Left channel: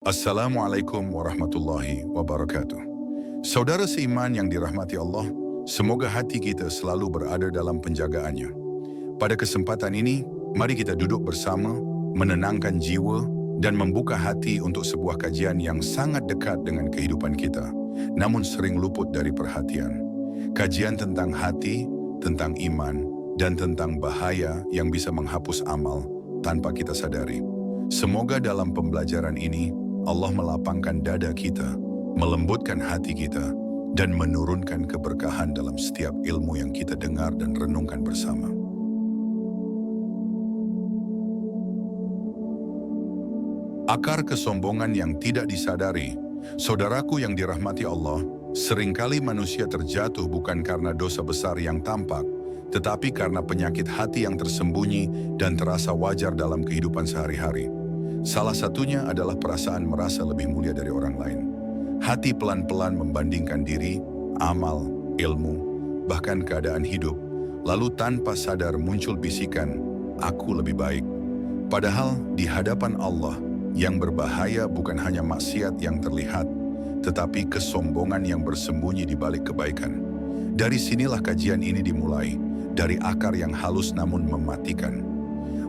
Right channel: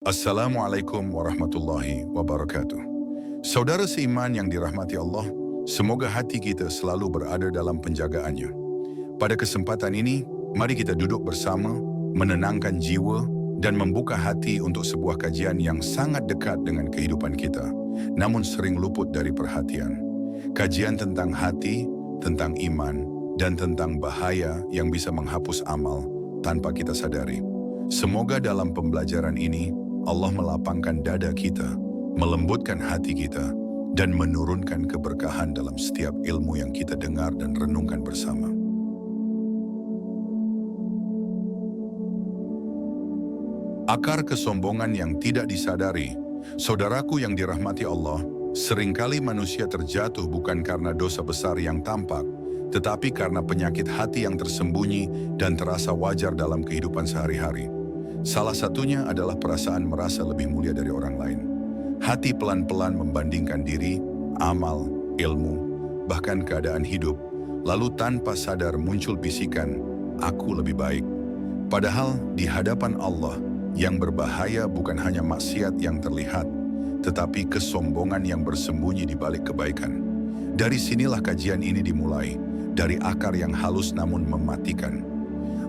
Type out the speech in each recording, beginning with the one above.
Assalamualaikum warahmatullahi wabarakatuh. Saudara seiman yang dirahmati Allah, semoga hati kita selalu berada dalam penjagaannya. Pada kesempatan ini, mari kita duduk bersama, menenangkan jiwa, dan membuka hati untuk sebuah kajian yang sangat dekat dengan kehidupan kita, namun sering luput dari perhatian. Kajian tentang hati, tentang iman, dan tentang bahaya yang bisa menghapus amal tanpa kita sadari. Semoga dalam pembelajaran ini, Allah melapangkan dada kita, melembutkan hati kita, dan menurunkan keberkahan dalam setiap ilmu yang kita dengar dan renungkan bersama. Akar kesombongan yang tidak disadari. Saudaraku yang dirahmati Allah, seringkali manusia terjatuh bukan karena dosa besar yang tampak, tetapi karena penyakit hati yang tersembunyi dan terasa wajar dalam kehidupan sehari-hari. Salah satunya adalah perasaan merasa lebih mulia dari orang lain. Hati pelan-pelan membandingkan diri, amal, ilmu, bahkan keadaan hidup, lalu tanpa sadar muncul bisikan, "Aku lebih baik." Padahal di hadapan Allah, yang berbahaya bukan hanya maksiat yang terlihat, tetapi kesombongan yang bersembunyi di balik kebaikan. Dari sinilah kajian ini dimulai, dari akar yang halus namun mematikan.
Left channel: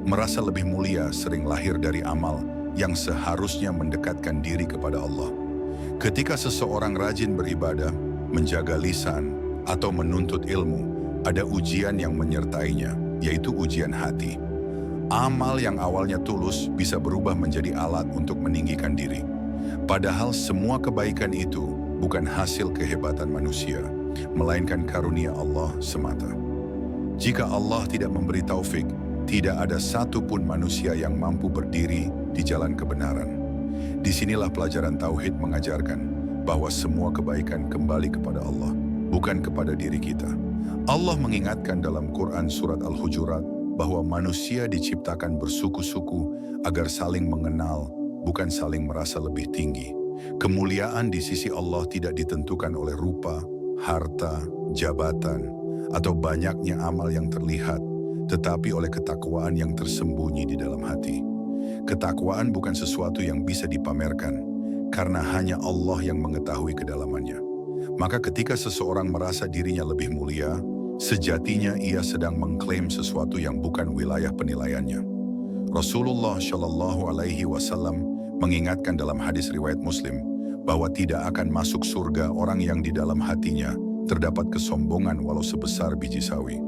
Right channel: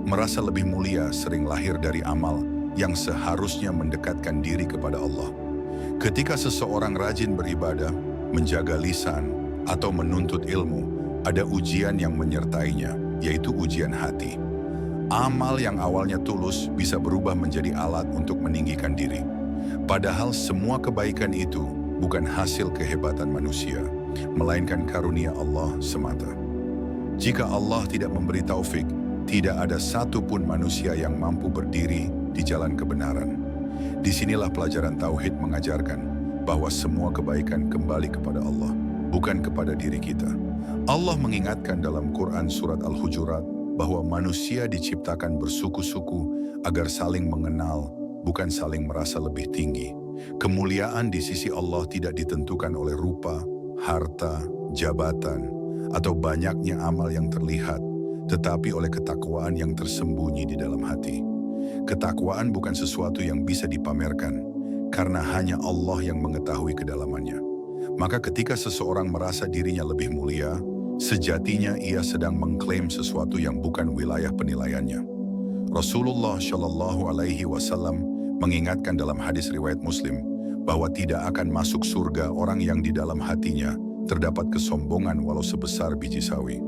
Merasa lebih mulia sering lahir dari amal yang seharusnya mendekatkan diri kepada Allah. Ketika seseorang rajin beribadah, menjaga lisan, atau menuntut ilmu, ada ujian yang menyertainya, yaitu ujian hati. Amal yang awalnya tulus bisa berubah menjadi alat untuk meninggikan diri. Padahal semua kebaikan itu bukan hasil kehebatan manusia, melainkan karunia Allah semata. Jika Allah tidak memberi taufik, tidak ada satupun manusia yang mampu berdiri di jalan kebenaran. Disinilah pelajaran Tauhid mengajarkan bahwa semua kebaikan kembali kepada Allah, bukan kepada diri kita. Allah mengingatkan dalam Quran Surat Al-Hujurat bahwa manusia diciptakan bersuku-suku agar saling mengenal, bukan saling merasa lebih tinggi. Kemuliaan di sisi Allah tidak ditentukan oleh rupa, harta, jabatan, atau banyaknya amal yang terlihat, tetapi oleh ketakwaan yang tersembunyi di dalam hati. Ketakwaan bukan sesuatu yang bisa dipamerkan, karena hanya Allah yang mengetahui kedalamannya. Maka ketika seseorang merasa dirinya lebih mulia, sejatinya ia sedang mengklaim sesuatu yang bukan wilayah penilaiannya. Rasulullah Shallallahu Alaihi Wasallam mengingatkan dalam hadis riwayat Muslim bahwa tidak akan masuk surga orang yang di dalam hatinya terdapat kesombongan walau sebesar biji sawi.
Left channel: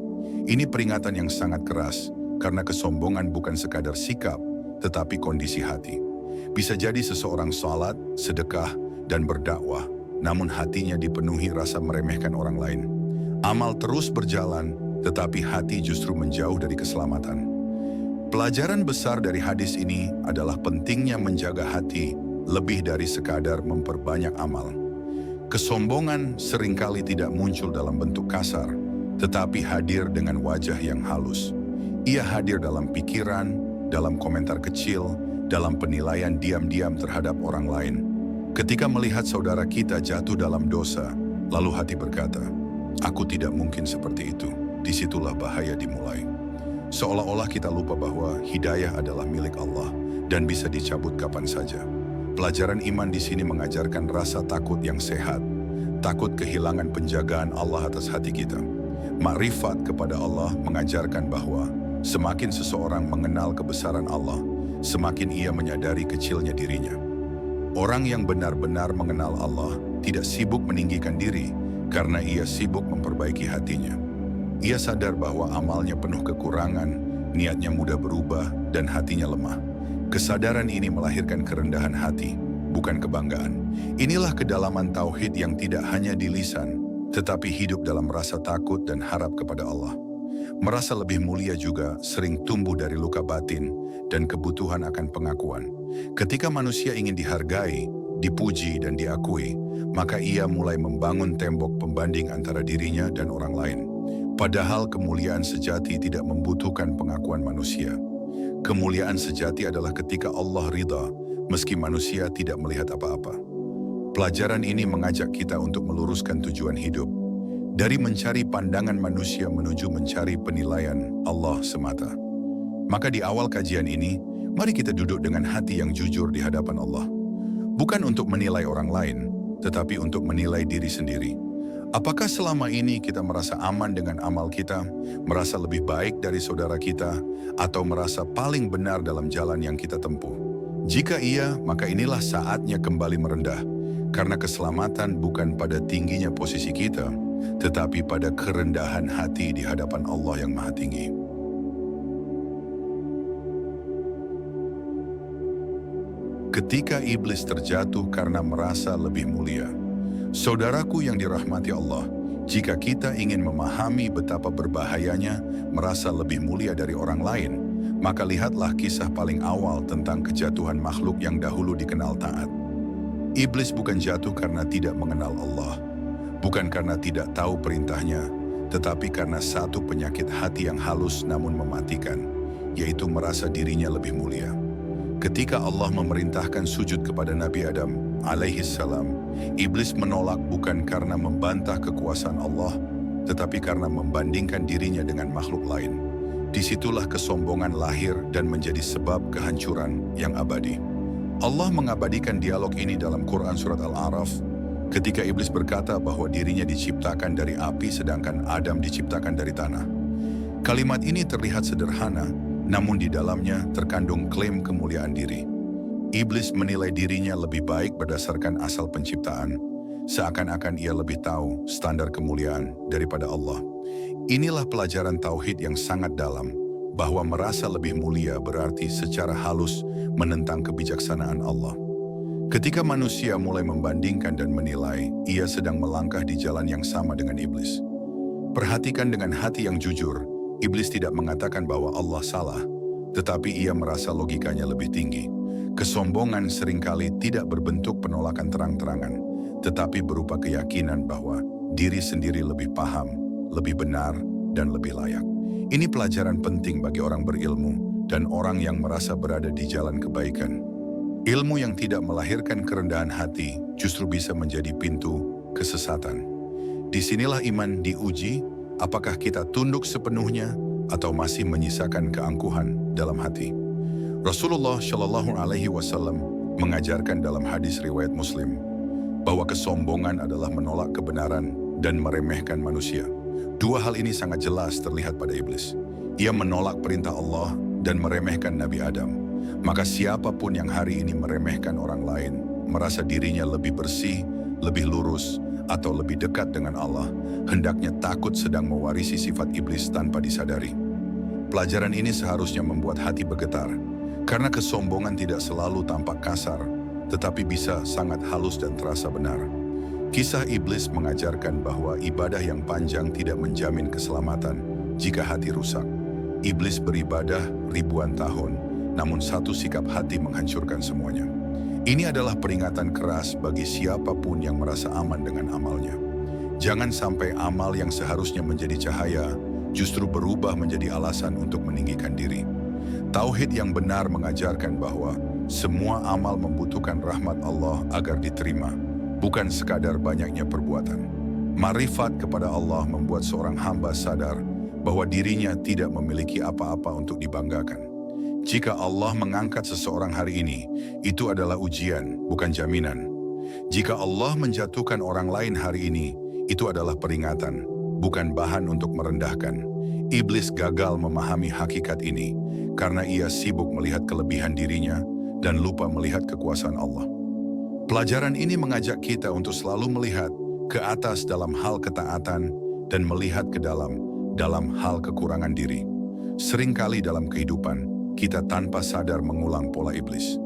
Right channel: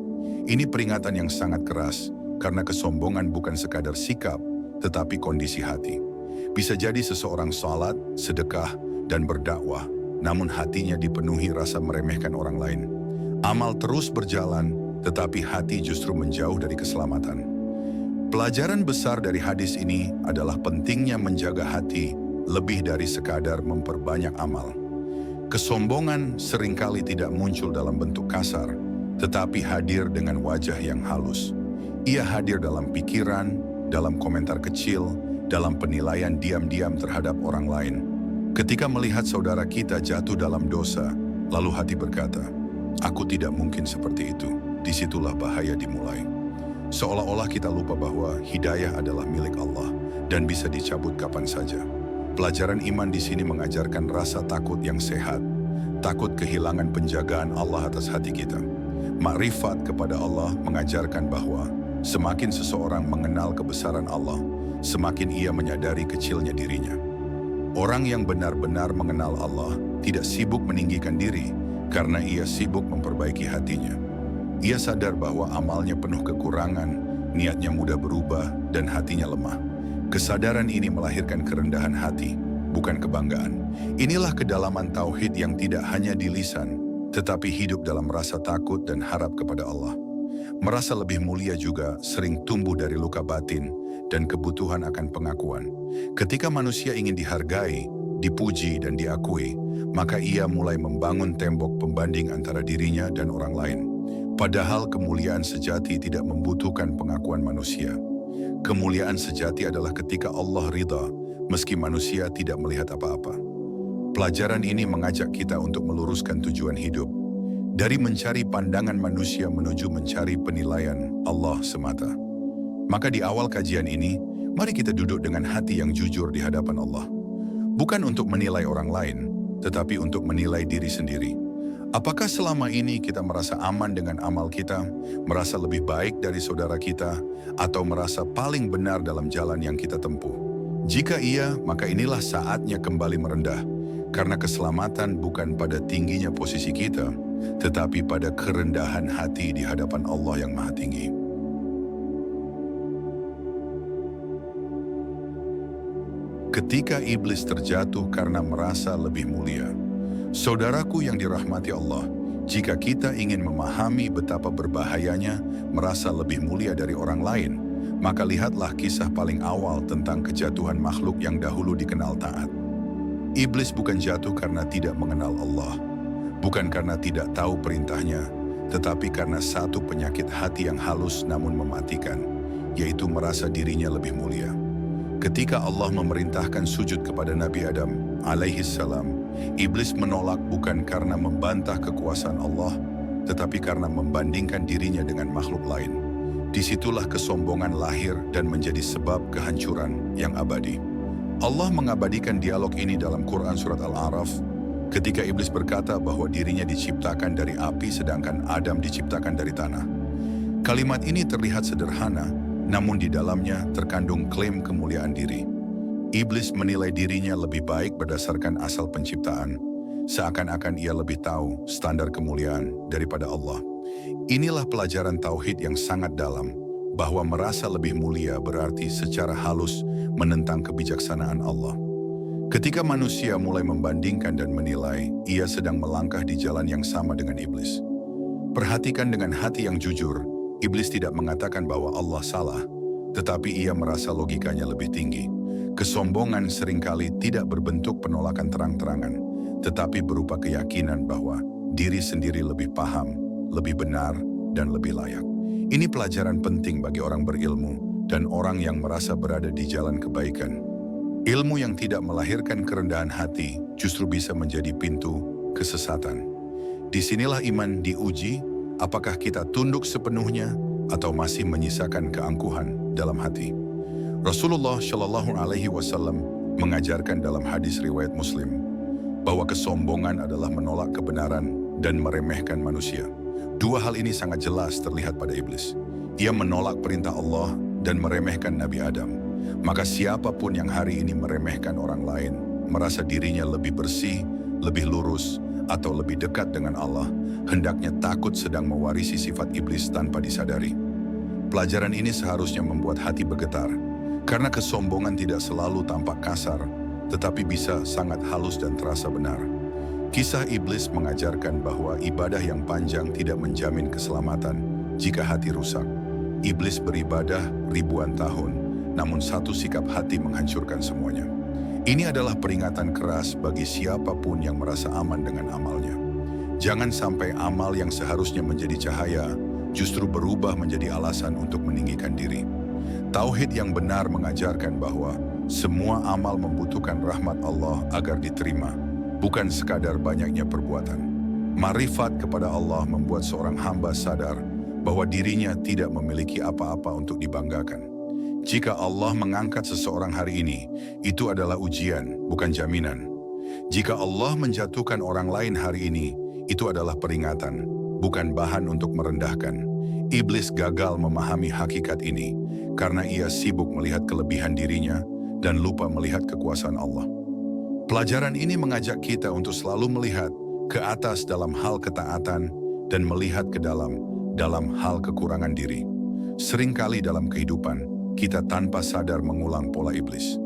Ini peringatan yang sangat keras, karena kesombongan bukan sekadar sikap, tetapi kondisi hati. Bisa jadi seseorang salat, sedekah, dan berdakwah, namun hatinya dipenuhi rasa meremehkan orang lain. Amal terus berjalan, tetapi hati justru menjauh dari keselamatan. Pelajaran besar dari hadis ini adalah pentingnya menjaga hati lebih dari sekadar memperbanyak amal. Kesombongan seringkali tidak muncul dalam bentuk kasar, tetapi hadir dengan wajah yang halus. Ia hadir dalam pikiran, dalam komentar kecil, dalam penilaian diam-diam terhadap orang lain. Ketika melihat saudara kita jatuh dalam dosa, lalu hati berkata, "Aku tidak mungkin seperti itu." Disitulah bahaya dimulai. Seolah-olah kita lupa bahwa hidayah adalah milik Allah dan bisa dicabut kapan saja. Pelajaran iman di sini mengajarkan rasa takut yang sehat, takut kehilangan penjagaan Allah atas hati kita. Makrifat kepada Allah mengajarkan bahwa semakin seseorang mengenal kebesaran Allah, semakin ia menyadari kecilnya dirinya. Orang yang benar-benar mengenal Allah tidak sibuk meninggikan diri karena ia sibuk memperbaiki hatinya. Ia sadar bahwa amalnya penuh kekurangan, niatnya mudah berubah, dan hatinya lemah. Kesadaran ini melahirkan kerendahan hati, bukan kebanggaan. Inilah kedalaman tauhid yang tidak hanya di lisan, tetapi hidup dalam rasa takut dan harap kepada Allah. Merasa lebih mulia juga sering tumbuh dari luka batin dan kebutuhan akan pengakuan. Ketika manusia ingin dihargai, dipuji, dan diakui, maka ia mulai membangun tembok pembanding antara dirinya dan orang lain. Padahal kemuliaan sejati tidak membutuhkan pengakuan manusia. Kemuliaan sejati adalah ketika Allah ridha, meski manusia tidak melihat apa-apa. Pelajaran ini mengajak kita untuk meluruskan tujuan hidup, dari mencari pandangan manusia menuju mencari penilaian Allah semata. Maka di awal kajian ini, mari kita duduk dengan hati yang jujur di hadapan Allah. Bukan untuk menilai orang lain, tetapi untuk menilai diri sendiri. Apakah selama ini kita merasa aman dengan amal kita, merasa lebih baik dari saudara kita, atau merasa paling benar dalam jalan yang kita tempuh? Jika iya, maka inilah saatnya kembali merendah, karena keselamatan bukan pada tingginya posisi kita, tetapi pada kerendahan hati di hadapan Allah yang Maha Tinggi. Ketika iblis terjatuh karena merasa lebih mulia. Saudaraku yang dirahmati Allah, jika kita ingin memahami betapa berbahayanya merasa lebih mulia dari orang lain, maka lihatlah kisah paling awal tentang kejatuhan makhluk yang dahulu dikenal taat. Iblis bukan jatuh karena tidak mengenal Allah, bukan karena tidak tahu perintahnya, tetapi karena satu penyakit hati yang halus namun mematikan, yaitu merasa dirinya lebih mulia. Ketika Allah memerintahkan sujud kepada Nabi Adam alaihissalam, iblis menolak bukan karena membantah kekuasaan Allah, tetapi karena membandingkan dirinya dengan makhluk lain. Disitulah kesombongan lahir dan menjadi sebab kehancuran yang abadi. Allah mengabadikan dialog ini dalam Quran Surat Al-A'raf, ketika iblis berkata bahwa dirinya diciptakan dari api sedangkan Adam diciptakan dari tanah. Kalimat ini terlihat sederhana, namun di dalamnya terkandung klaim kemuliaan diri. Iblis menilai dirinya lebih baik berdasarkan asal penciptaan, seakan-akan ia lebih tahu standar kemuliaan daripada Allah. Inilah pelajaran tauhid yang sangat dalam, bahwa merasa lebih mulia berarti secara halus menentang kebijaksanaan Allah. Ketika manusia mulai membandingkan dan menilai, ia sedang melangkah di jalan yang sama dengan iblis. Perhatikan dengan hati yang jujur, iblis tidak mengatakan bahwa Allah salah, tetapi ia merasa logikanya lebih tinggi. Kesombongan seringkali tidak berbentuk penolakan terang-terangan, tetapi berupa keyakinan bahwa diri sendiri lebih paham, lebih benar, dan lebih layak. Ini pelajaran penting bagi orang berilmu dan orang yang merasa berada di jalan kebaikan. Ilmu yang tidak melahirkan kerendahan hati justru bisa menjadi pintu kesesatan. Disinilah iman diuji, apakah kita tunduk sepenuhnya atau masih menyisakan keangkuhan dalam hati. Rasulullah Shallallahu Alaihi Wasallam mengajarkan dalam hadis riwayat Muslim bahwa kesombongan adalah menolak kebenaran dan meremehkan manusia. Dua hal ini sangat jelas terlihat pada iblis. Ia menolak perintah Allah dan meremehkan Nabi Adam. Maka siapapun yang hari ini meremehkan orang lain, merasa dirinya lebih bersih, lebih lurus, atau lebih dekat dengan Allah, hendaknya takut sedang mewarisi sifat iblis tanpa disadari. Pelajaran ini seharusnya membuat hati bergetar, karena kesombongan tidak selalu tampak kasar, tetapi bisa sangat halus dan terasa benar. Kisah iblis mengajarkan bahwa ibadah yang panjang tidak menjamin keselamatan jika hati rusak. Iblis beribadah ribuan tahun, namun satu sikap hati menghancurkan semuanya. Ini adalah peringatan keras bagi siapapun yang merasa aman dengan amalnya. Jangan sampai amal yang seharusnya menjadi cahaya justru berubah menjadi alasan untuk meninggikan diri. Tauhid yang benar mengajarkan bahwa semua amal membutuhkan rahmat Allah agar diterima, bukan sekadar banyaknya perbuatan. Marifat kepada Allah membuat seorang hamba sadar bahwa dirinya tidak memiliki apa-apa untuk dibanggakan. Jika Allah mengangkat seseorang hari ini, itu adalah ujian, bukan jaminan. Jika Allah menjatuhkan orang lain hari ini, itu adalah peringatan, bukan bahan untuk merendahkan. Iblis gagal memahami hakikat ini, karena ia sibuk melihat kelebihan dirinya dan lupa melihat kekuasaan Allah. Pelajaran ini mengajak kita untuk selalu melihat ke atas dalam hal ketaatan dan melihat ke dalam hal kekurangan diri. Seringkali dalam kehidupan, kita tanpa sadar mengulang pola iblis.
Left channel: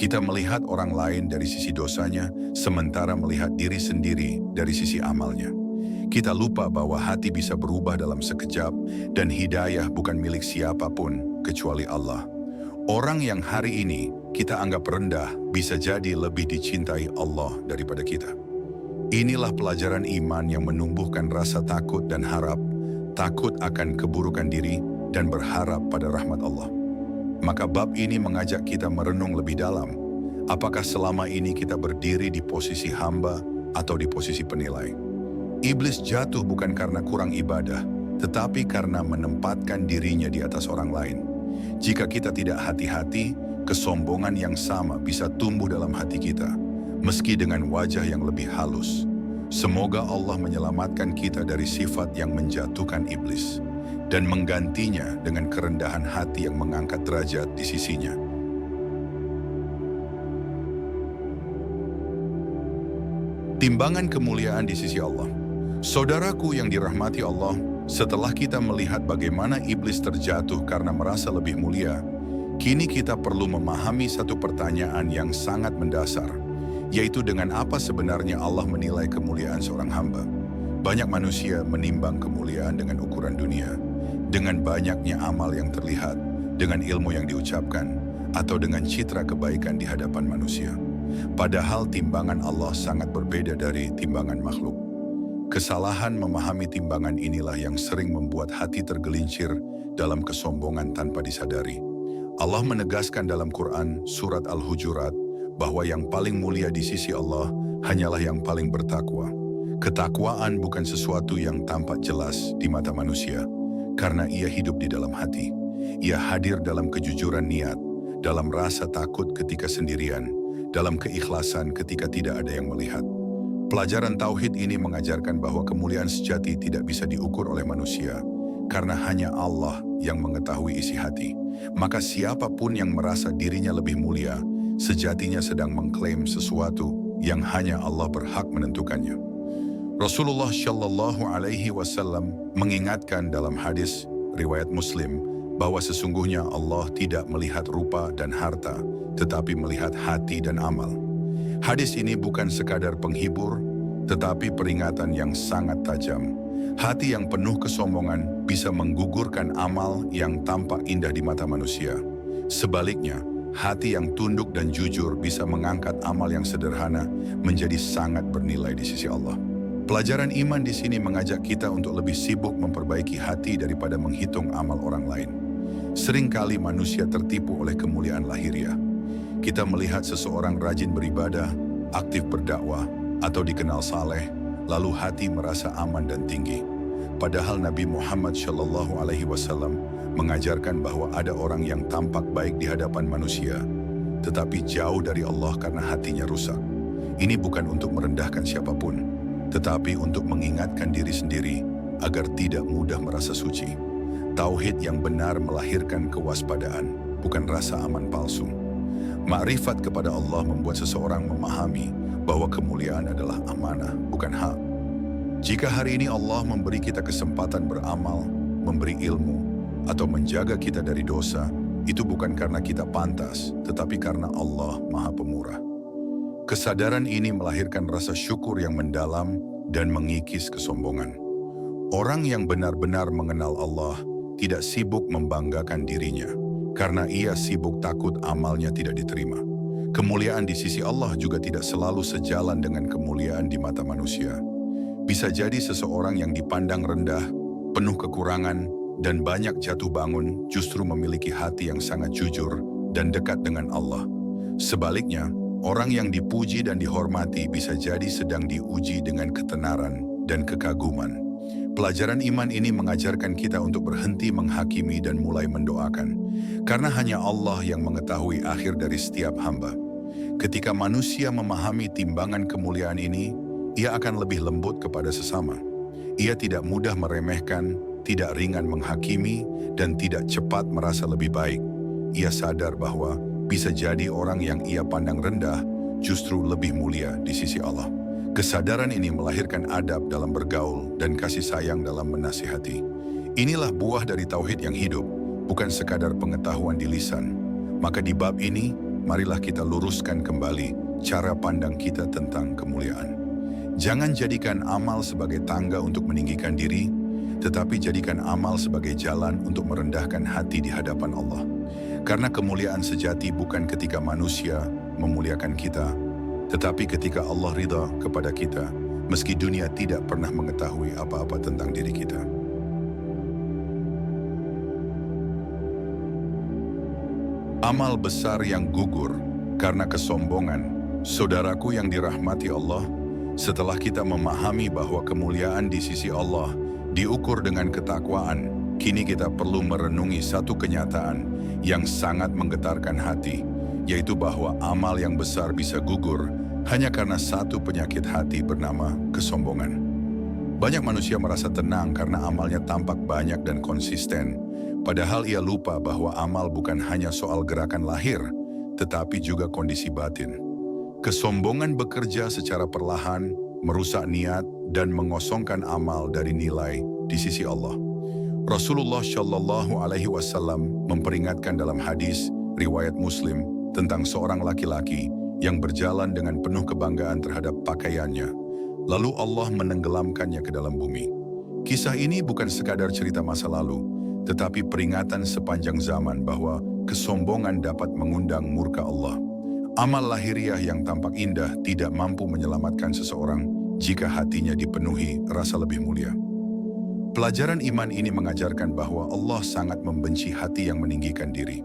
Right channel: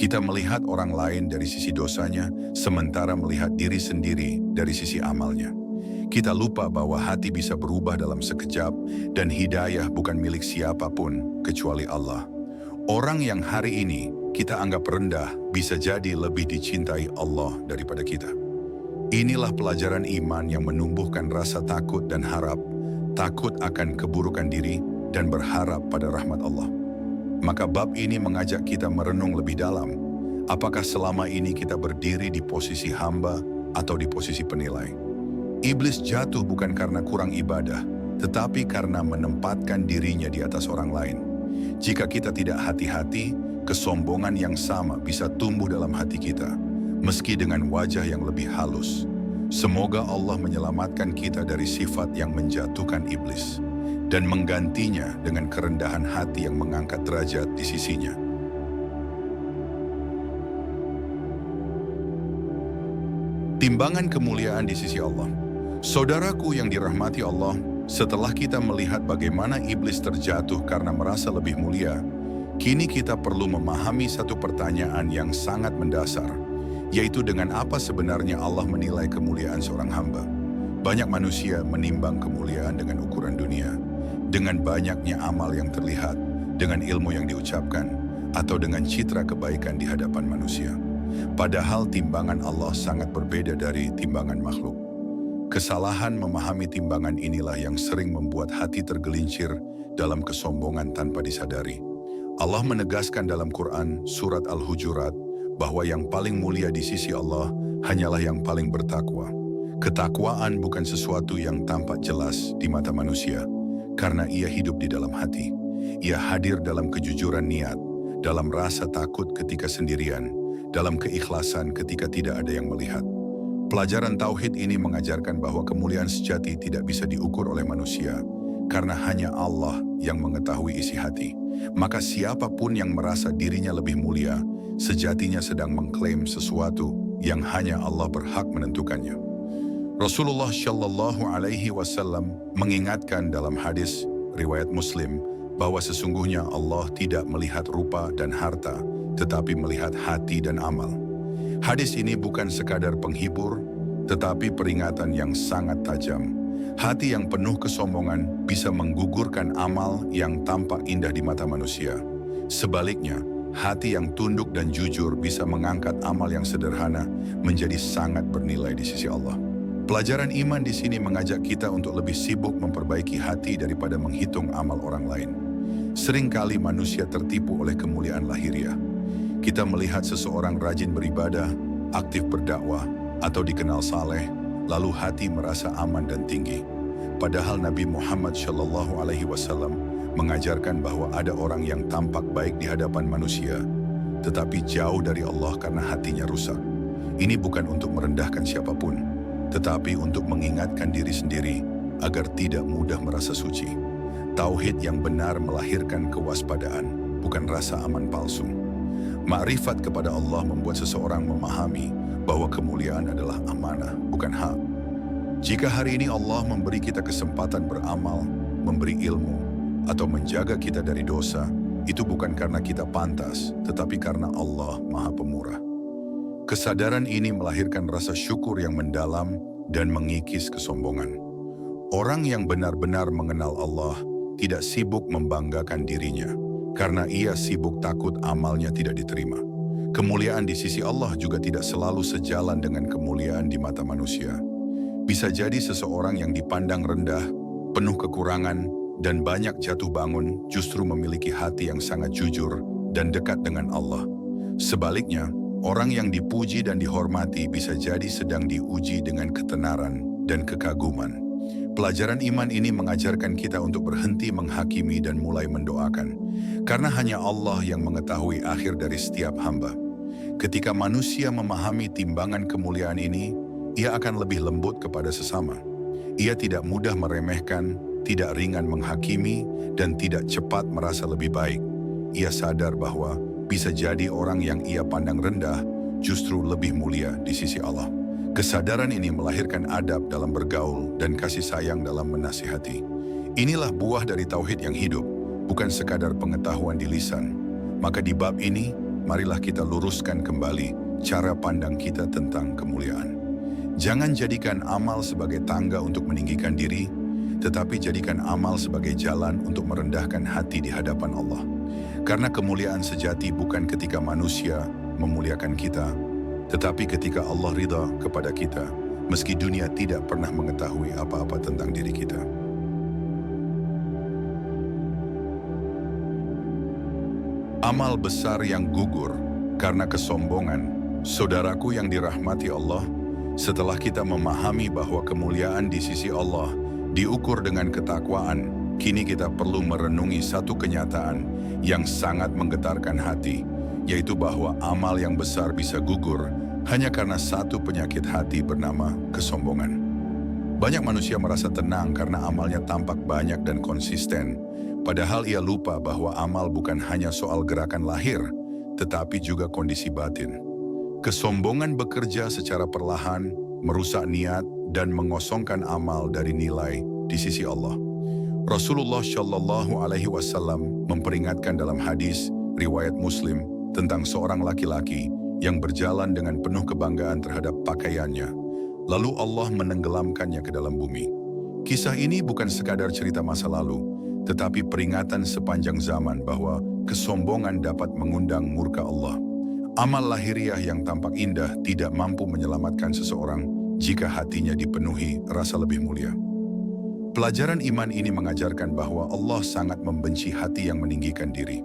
Kita melihat orang lain dari sisi dosanya, sementara melihat diri sendiri dari sisi amalnya. Kita lupa bahwa hati bisa berubah dalam sekejap dan hidayah bukan milik siapapun kecuali Allah. Orang yang hari ini kita anggap rendah bisa jadi lebih dicintai Allah daripada kita. Inilah pelajaran iman yang menumbuhkan rasa takut dan harap, takut akan keburukan diri dan berharap pada rahmat Allah. Maka bab ini mengajak kita merenung lebih dalam. Apakah selama ini kita berdiri di posisi hamba atau di posisi penilai? Iblis jatuh bukan karena kurang ibadah, tetapi karena menempatkan dirinya di atas orang lain. Jika kita tidak hati-hati, kesombongan yang sama bisa tumbuh dalam hati kita, meski dengan wajah yang lebih halus. Semoga Allah menyelamatkan kita dari sifat yang menjatuhkan iblis dan menggantinya dengan kerendahan hati yang mengangkat derajat di sisinya. Timbangan kemuliaan di sisi Allah. Saudaraku yang dirahmati Allah, setelah kita melihat bagaimana iblis terjatuh karena merasa lebih mulia, kini kita perlu memahami satu pertanyaan yang sangat mendasar, yaitu dengan apa sebenarnya Allah menilai kemuliaan seorang hamba. Banyak manusia menimbang kemuliaan dengan ukuran dunia, dengan banyaknya amal yang terlihat, dengan ilmu yang diucapkan, atau dengan citra kebaikan di hadapan manusia. Padahal timbangan Allah sangat berbeda dari timbangan makhluk. Kesalahan memahami timbangan inilah yang sering membuat hati tergelincir dalam kesombongan tanpa disadari. Allah menegaskan dalam Quran surat Al-Hujurat bahwa yang paling mulia di sisi Allah hanyalah yang paling bertakwa. Ketakwaan bukan sesuatu yang tampak jelas di mata manusia, karena ia hidup di dalam hati. Ia hadir dalam kejujuran niat, dalam rasa takut ketika sendirian, dalam keikhlasan ketika tidak ada yang melihat. Pelajaran Tauhid ini mengajarkan bahwa kemuliaan sejati tidak bisa diukur oleh manusia, karena hanya Allah yang mengetahui isi hati. Maka siapapun yang merasa dirinya lebih mulia, sejatinya sedang mengklaim sesuatu yang hanya Allah berhak menentukannya. Rasulullah Shallallahu Alaihi Wasallam mengingatkan dalam hadis riwayat Muslim bahwa sesungguhnya Allah tidak melihat rupa dan harta, tetapi melihat hati dan amal. Hadis ini bukan sekadar penghibur, tetapi peringatan yang sangat tajam. Hati yang penuh kesombongan bisa menggugurkan amal yang tampak indah di mata manusia. Sebaliknya, hati yang tunduk dan jujur bisa mengangkat amal yang sederhana menjadi sangat bernilai di sisi Allah. Pelajaran iman di sini mengajak kita untuk lebih sibuk memperbaiki hati daripada menghitung amal orang lain. Seringkali manusia tertipu oleh kemuliaan lahiriah. Kita melihat seseorang rajin beribadah, aktif berdakwah, atau dikenal saleh, lalu hati merasa aman dan tinggi. Padahal Nabi Muhammad Shallallahu Alaihi Wasallam mengajarkan bahwa ada orang yang tampak baik di hadapan manusia, tetapi jauh dari Allah karena hatinya rusak. Ini bukan untuk merendahkan siapapun, tetapi untuk mengingatkan diri sendiri agar tidak mudah merasa suci. Tauhid yang benar melahirkan kewaspadaan, bukan rasa aman palsu. Ma'rifat kepada Allah membuat seseorang memahami bahwa kemuliaan adalah amanah, bukan hak. Jika hari ini Allah memberi kita kesempatan beramal, memberi ilmu, atau menjaga kita dari dosa, itu bukan karena kita pantas, tetapi karena Allah Maha Pemurah. Kesadaran ini melahirkan rasa syukur yang mendalam dan mengikis kesombongan. Orang yang benar-benar mengenal Allah tidak sibuk membanggakan dirinya, karena ia sibuk takut amalnya tidak diterima. Kemuliaan di sisi Allah juga tidak selalu sejalan dengan kemuliaan di mata manusia. Bisa jadi seseorang yang dipandang rendah, penuh kekurangan, dan banyak jatuh bangun justru memiliki hati yang sangat jujur dan dekat dengan Allah. Sebaliknya, orang yang dipuji dan dihormati bisa jadi sedang diuji dengan ketenaran dan kekaguman. Pelajaran iman ini mengajarkan kita untuk berhenti menghakimi dan mulai mendoakan, karena hanya Allah yang mengetahui akhir dari setiap hamba. Ketika manusia memahami timbangan kemuliaan ini, ia akan lebih lembut kepada sesama. Ia tidak mudah meremehkan, tidak ringan menghakimi, dan tidak cepat merasa lebih baik. Ia sadar bahwa bisa jadi orang yang ia pandang rendah justru lebih mulia di sisi Allah. Kesadaran ini melahirkan adab dalam bergaul dan kasih sayang dalam menasihati. Inilah buah dari tauhid yang hidup, bukan sekadar pengetahuan di lisan. Maka di bab ini, marilah kita luruskan kembali cara pandang kita tentang kemuliaan. Jangan jadikan amal sebagai tangga untuk meninggikan diri, tetapi jadikan amal sebagai jalan untuk merendahkan hati di hadapan Allah. Karena kemuliaan sejati bukan ketika manusia memuliakan kita, tetapi ketika Allah ridha kepada kita, meski dunia tidak pernah mengetahui apa-apa tentang diri kita. Amal besar yang gugur karena kesombongan. Saudaraku yang dirahmati Allah, setelah kita memahami bahwa kemuliaan di sisi Allah diukur dengan ketakwaan, kini kita perlu merenungi satu kenyataan yang sangat menggetarkan hati, yaitu bahwa amal yang besar bisa gugur hanya karena satu penyakit hati bernama kesombongan. Banyak manusia merasa tenang karena amalnya tampak banyak dan konsisten, padahal ia lupa bahwa amal bukan hanya soal gerakan lahir, tetapi juga kondisi batin. Kesombongan bekerja secara perlahan, merusak niat, dan mengosongkan amal dari nilai di sisi Allah. Rasulullah Shallallahu Alaihi Wasallam memperingatkan dalam hadis riwayat Muslim tentang seorang laki-laki yang berjalan dengan penuh kebanggaan terhadap pakaiannya, lalu Allah menenggelamkannya ke dalam bumi. Kisah ini bukan sekadar cerita masa lalu, tetapi peringatan sepanjang zaman bahwa kesombongan dapat mengundang murka Allah. Amal lahiriah yang tampak indah tidak mampu menyelamatkan seseorang jika hatinya dipenuhi rasa lebih mulia. Pelajaran iman ini mengajarkan bahwa Allah sangat membenci hati yang meninggikan diri.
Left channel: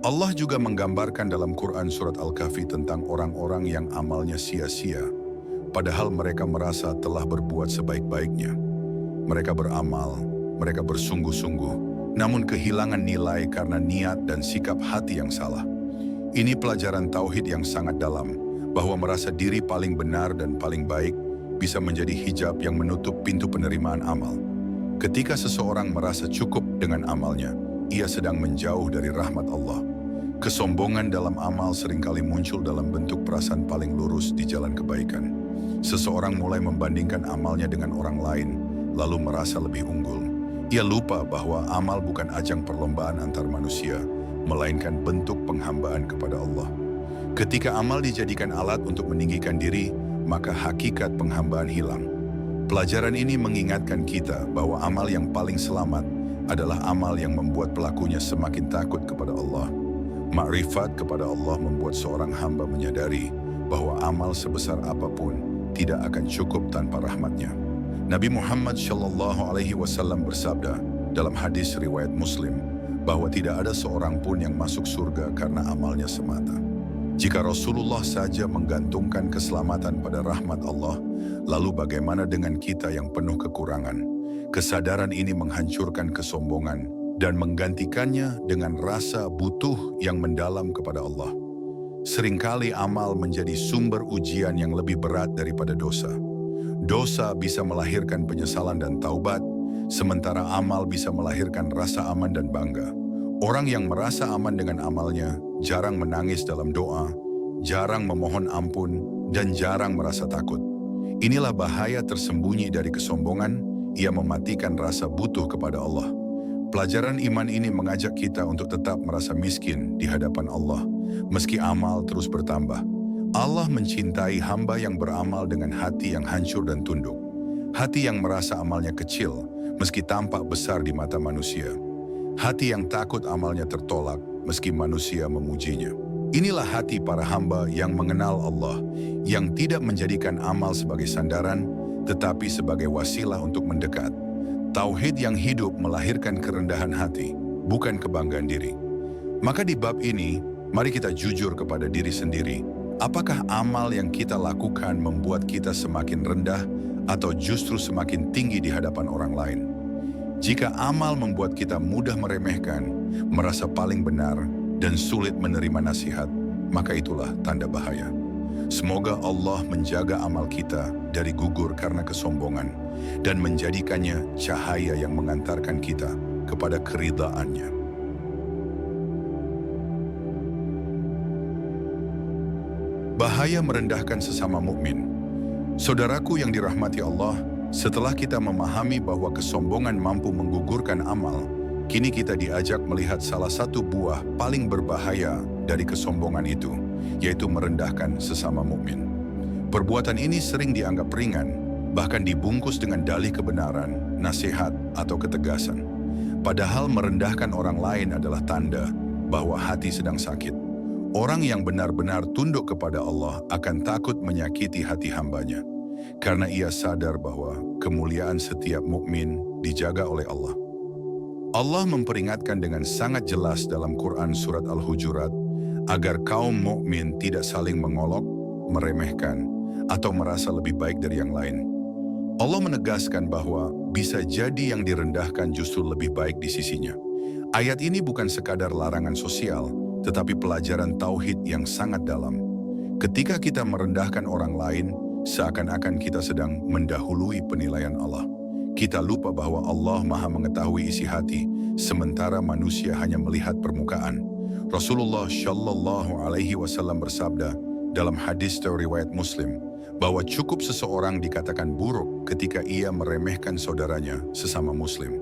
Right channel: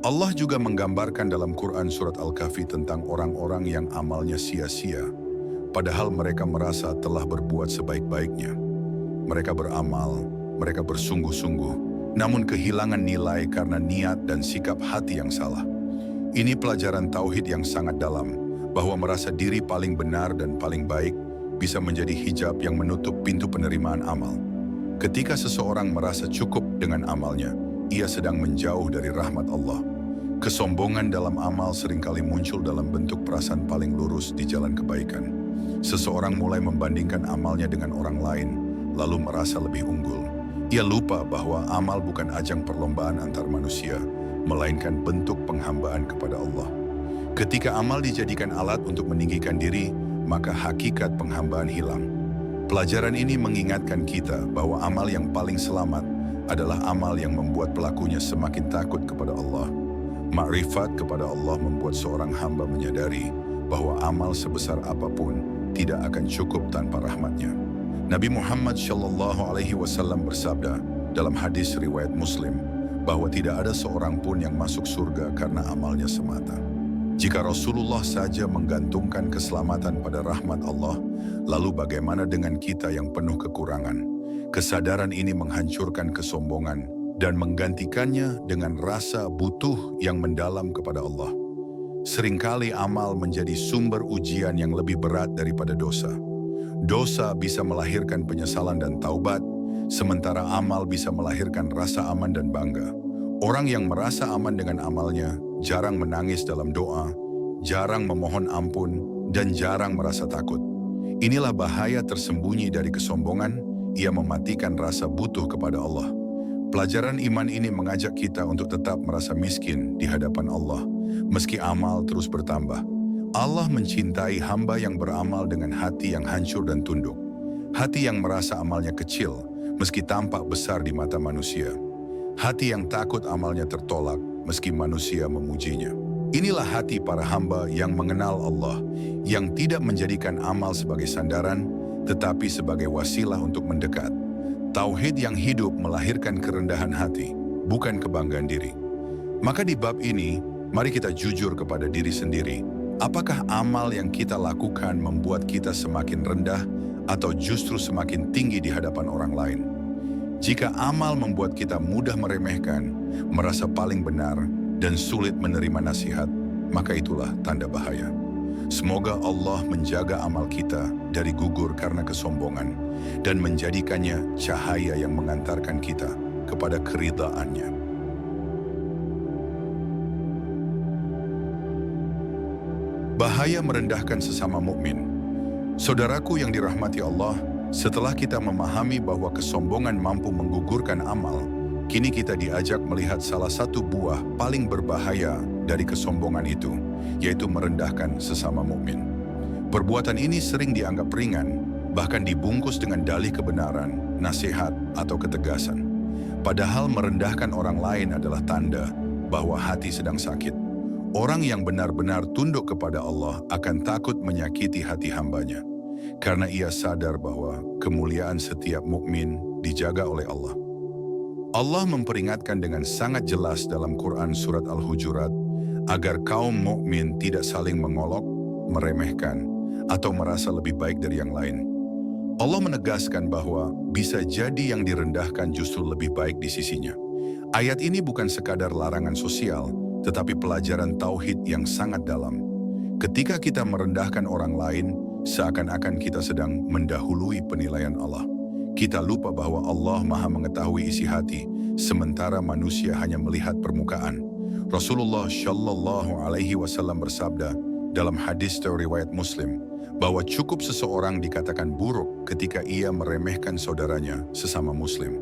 Allah juga menggambarkan dalam Quran surat Al-Kahfi tentang orang-orang yang amalnya sia-sia, padahal mereka merasa telah berbuat sebaik-baiknya. Mereka beramal, mereka bersungguh-sungguh, namun kehilangan nilai karena niat dan sikap hati yang salah. Ini pelajaran tauhid yang sangat dalam, bahwa merasa diri paling benar dan paling baik bisa menjadi hijab yang menutup pintu penerimaan amal. Ketika seseorang merasa cukup dengan amalnya, ia sedang menjauh dari rahmat Allah. Kesombongan dalam amal seringkali muncul dalam bentuk perasaan paling lurus di jalan kebaikan. Seseorang mulai membandingkan amalnya dengan orang lain, lalu merasa lebih unggul. Ia lupa bahwa amal bukan ajang perlombaan antar manusia, melainkan bentuk penghambaan kepada Allah. Ketika amal dijadikan alat untuk meninggikan diri, maka hakikat penghambaan hilang. Pelajaran ini mengingatkan kita bahwa amal yang paling selamat adalah amal yang membuat pelakunya semakin takut kepada Allah. Makrifat kepada Allah membuat seorang hamba menyadari bahwa amal sebesar apapun tidak akan cukup tanpa rahmatnya. Nabi Muhammad Shallallahu Alaihi Wasallam bersabda dalam hadis riwayat Muslim bahwa tidak ada seorang pun yang masuk surga karena amalnya semata. Jika Rasulullah saja menggantungkan keselamatan pada rahmat Allah, lalu bagaimana dengan kita yang penuh kekurangan? Kesadaran ini menghancurkan kesombongan dan menggantikannya dengan rasa butuh yang mendalam kepada Allah. Seringkali amal menjadi sumber ujian yang lebih berat daripada dosa. Dosa bisa melahirkan penyesalan dan taubat, sementara amal bisa melahirkan rasa aman dan bangga. Orang yang merasa aman dengan amalnya jarang menangis dalam doa, jarang memohon ampun, dan jarang merasa takut. Inilah bahaya tersembunyi dari kesombongan, ia mematikan rasa butuh kepada Allah. Pelajaran iman ini mengajak kita untuk tetap merasa miskin di hadapan Allah, meski amal terus bertambah. Allah mencintai hamba yang beramal dengan hati yang hancur dan tunduk. Hati yang merasa amalnya kecil, meski tampak besar di mata manusia. Hati yang takut amalnya tertolak, meski manusia memujinya. Inilah hati para hamba yang mengenal Allah, yang tidak menjadikan amal sebagai sandaran, tetapi sebagai wasilah untuk mendekat. Tauhid yang hidup melahirkan kerendahan hati, bukan kebanggaan diri. Maka di bab ini, mari kita jujur kepada diri sendiri. Apakah amal yang kita lakukan membuat kita semakin rendah atau justru semakin tinggi di hadapan orang lain? Jika amal membuat kita mudah meremehkan, merasa paling benar, dan sulit menerima nasihat, maka itulah tanda bahaya. Semoga Allah menjaga amal kita dari gugur karena kesombongan dan menjadikannya cahaya yang mengantarkan kita kepada keridhaannya. Bahaya merendahkan sesama mukmin. Saudaraku yang dirahmati Allah, setelah kita memahami bahwa kesombongan mampu menggugurkan amal, kini kita diajak melihat salah satu buah paling berbahaya dari kesombongan itu, yaitu merendahkan sesama mukmin. Perbuatan ini sering dianggap ringan, bahkan dibungkus dengan dalih kebenaran, nasihat, atau ketegasan. Padahal merendahkan orang lain adalah tanda bahwa hati sedang sakit. Orang yang benar-benar tunduk kepada Allah akan takut menyakiti hati hambanya, karena ia sadar bahwa kemuliaan setiap mukmin dijaga oleh Allah. Allah memperingatkan dengan sangat jelas dalam Quran surat Al-Hujurat agar kaum mukmin tidak saling mengolok, meremehkan, atau merasa lebih baik dari yang lain. Allah menegaskan bahwa bisa jadi yang direndahkan justru lebih baik di sisinya. Ayat ini bukan sekadar larangan sosial, tetapi pelajaran tauhid yang sangat dalam. Ketika kita merendahkan orang lain, seakan-akan kita sedang mendahului penilaian Allah. Kita lupa bahwa Allah Maha mengetahui isi hati, sementara manusia hanya melihat permukaan. Rasulullah Shallallahu Alaihi Wasallam bersabda dalam hadis riwayat Muslim, bahwa cukup seseorang dikatakan buruk ketika ia meremehkan saudaranya sesama Muslim.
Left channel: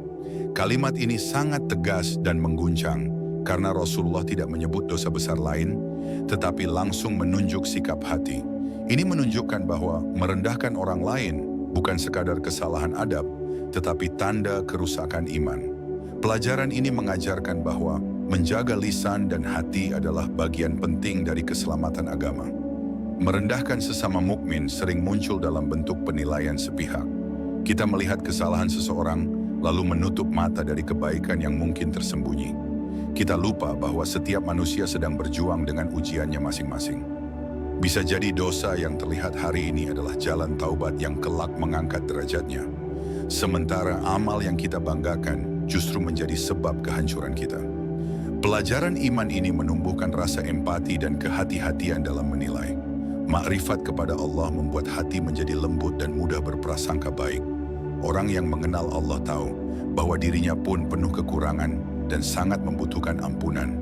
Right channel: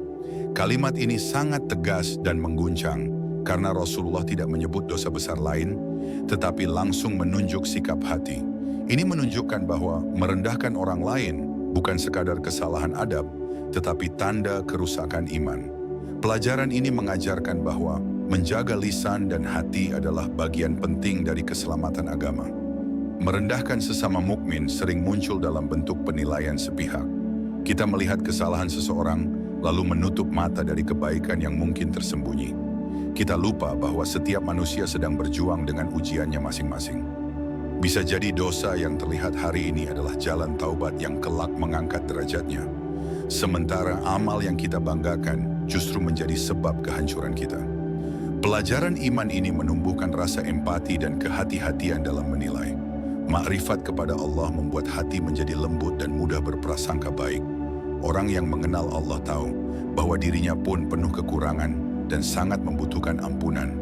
Kalimat ini sangat tegas dan mengguncang, karena Rasulullah tidak menyebut dosa besar lain, tetapi langsung menunjuk sikap hati. Ini menunjukkan bahwa merendahkan orang lain bukan sekadar kesalahan adab, tetapi tanda kerusakan iman. Pelajaran ini mengajarkan bahwa menjaga lisan dan hati adalah bagian penting dari keselamatan agama. Merendahkan sesama mukmin sering muncul dalam bentuk penilaian sepihak. Kita melihat kesalahan seseorang, lalu menutup mata dari kebaikan yang mungkin tersembunyi. Kita lupa bahwa setiap manusia sedang berjuang dengan ujiannya masing-masing. Bisa jadi dosa yang terlihat hari ini adalah jalan taubat yang kelak mengangkat derajatnya. Sementara amal yang kita banggakan justru menjadi sebab kehancuran kita. Pelajaran iman ini menumbuhkan rasa empati dan kehati-hatian dalam menilai. Makrifat kepada Allah membuat hati menjadi lembut dan mudah berprasangka baik. Orang yang mengenal Allah tahu bahwa dirinya pun penuh kekurangan dan sangat membutuhkan ampunan.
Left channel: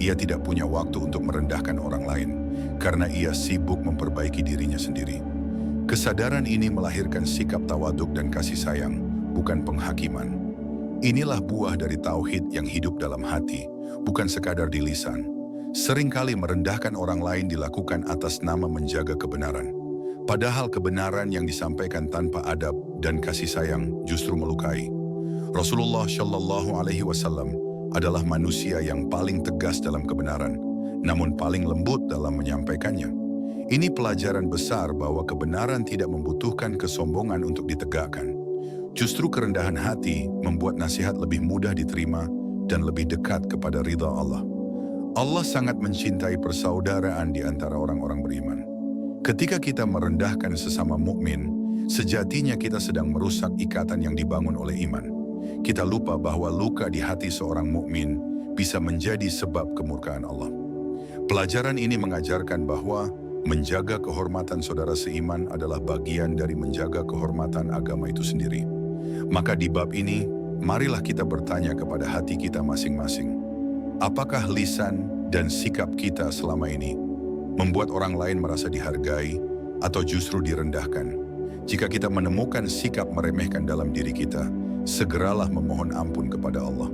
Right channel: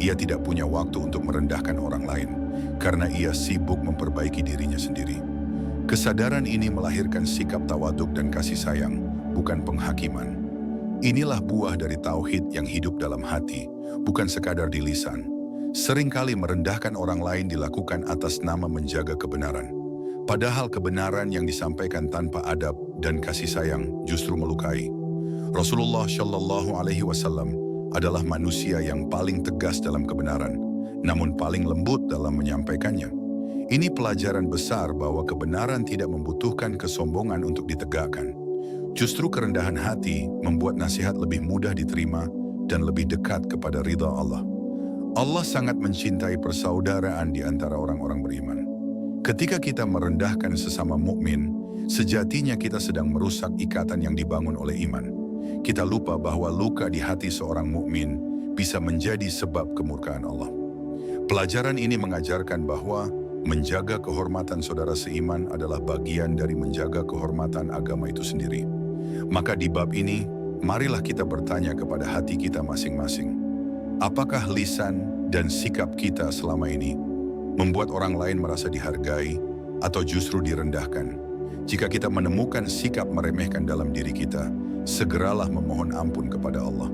Ia tidak punya waktu untuk merendahkan orang lain, karena ia sibuk memperbaiki dirinya sendiri. Kesadaran ini melahirkan sikap tawaduk dan kasih sayang, bukan penghakiman. Inilah buah dari tauhid yang hidup dalam hati, bukan sekadar di lisan. Seringkali merendahkan orang lain dilakukan atas nama menjaga kebenaran. Padahal kebenaran yang disampaikan tanpa adab dan kasih sayang justru melukai. Rasulullah Shallallahu Alaihi Wasallam adalah manusia yang paling tegas dalam kebenaran, namun paling lembut dalam menyampaikannya. Ini pelajaran besar bahwa kebenaran tidak membutuhkan kesombongan untuk ditegakkan. Justru kerendahan hati membuat nasihat lebih mudah diterima dan lebih dekat kepada ridha Allah. Allah sangat mencintai persaudaraan di antara orang-orang beriman. Ketika kita merendahkan sesama mukmin, sejatinya kita sedang merusak ikatan yang dibangun oleh iman. Kita lupa bahwa luka di hati seorang mukmin bisa menjadi sebab kemurkaan Allah. Pelajaran ini mengajarkan bahwa menjaga kehormatan saudara seiman adalah bagian dari menjaga kehormatan agama itu sendiri. Maka di bab ini, marilah kita bertanya kepada hati kita masing-masing. Apakah lisan dan sikap kita selama ini membuat orang lain merasa dihargai atau justru direndahkan? Jika kita menemukan sikap meremehkan dalam diri kita, segeralah memohon ampun kepada Allah.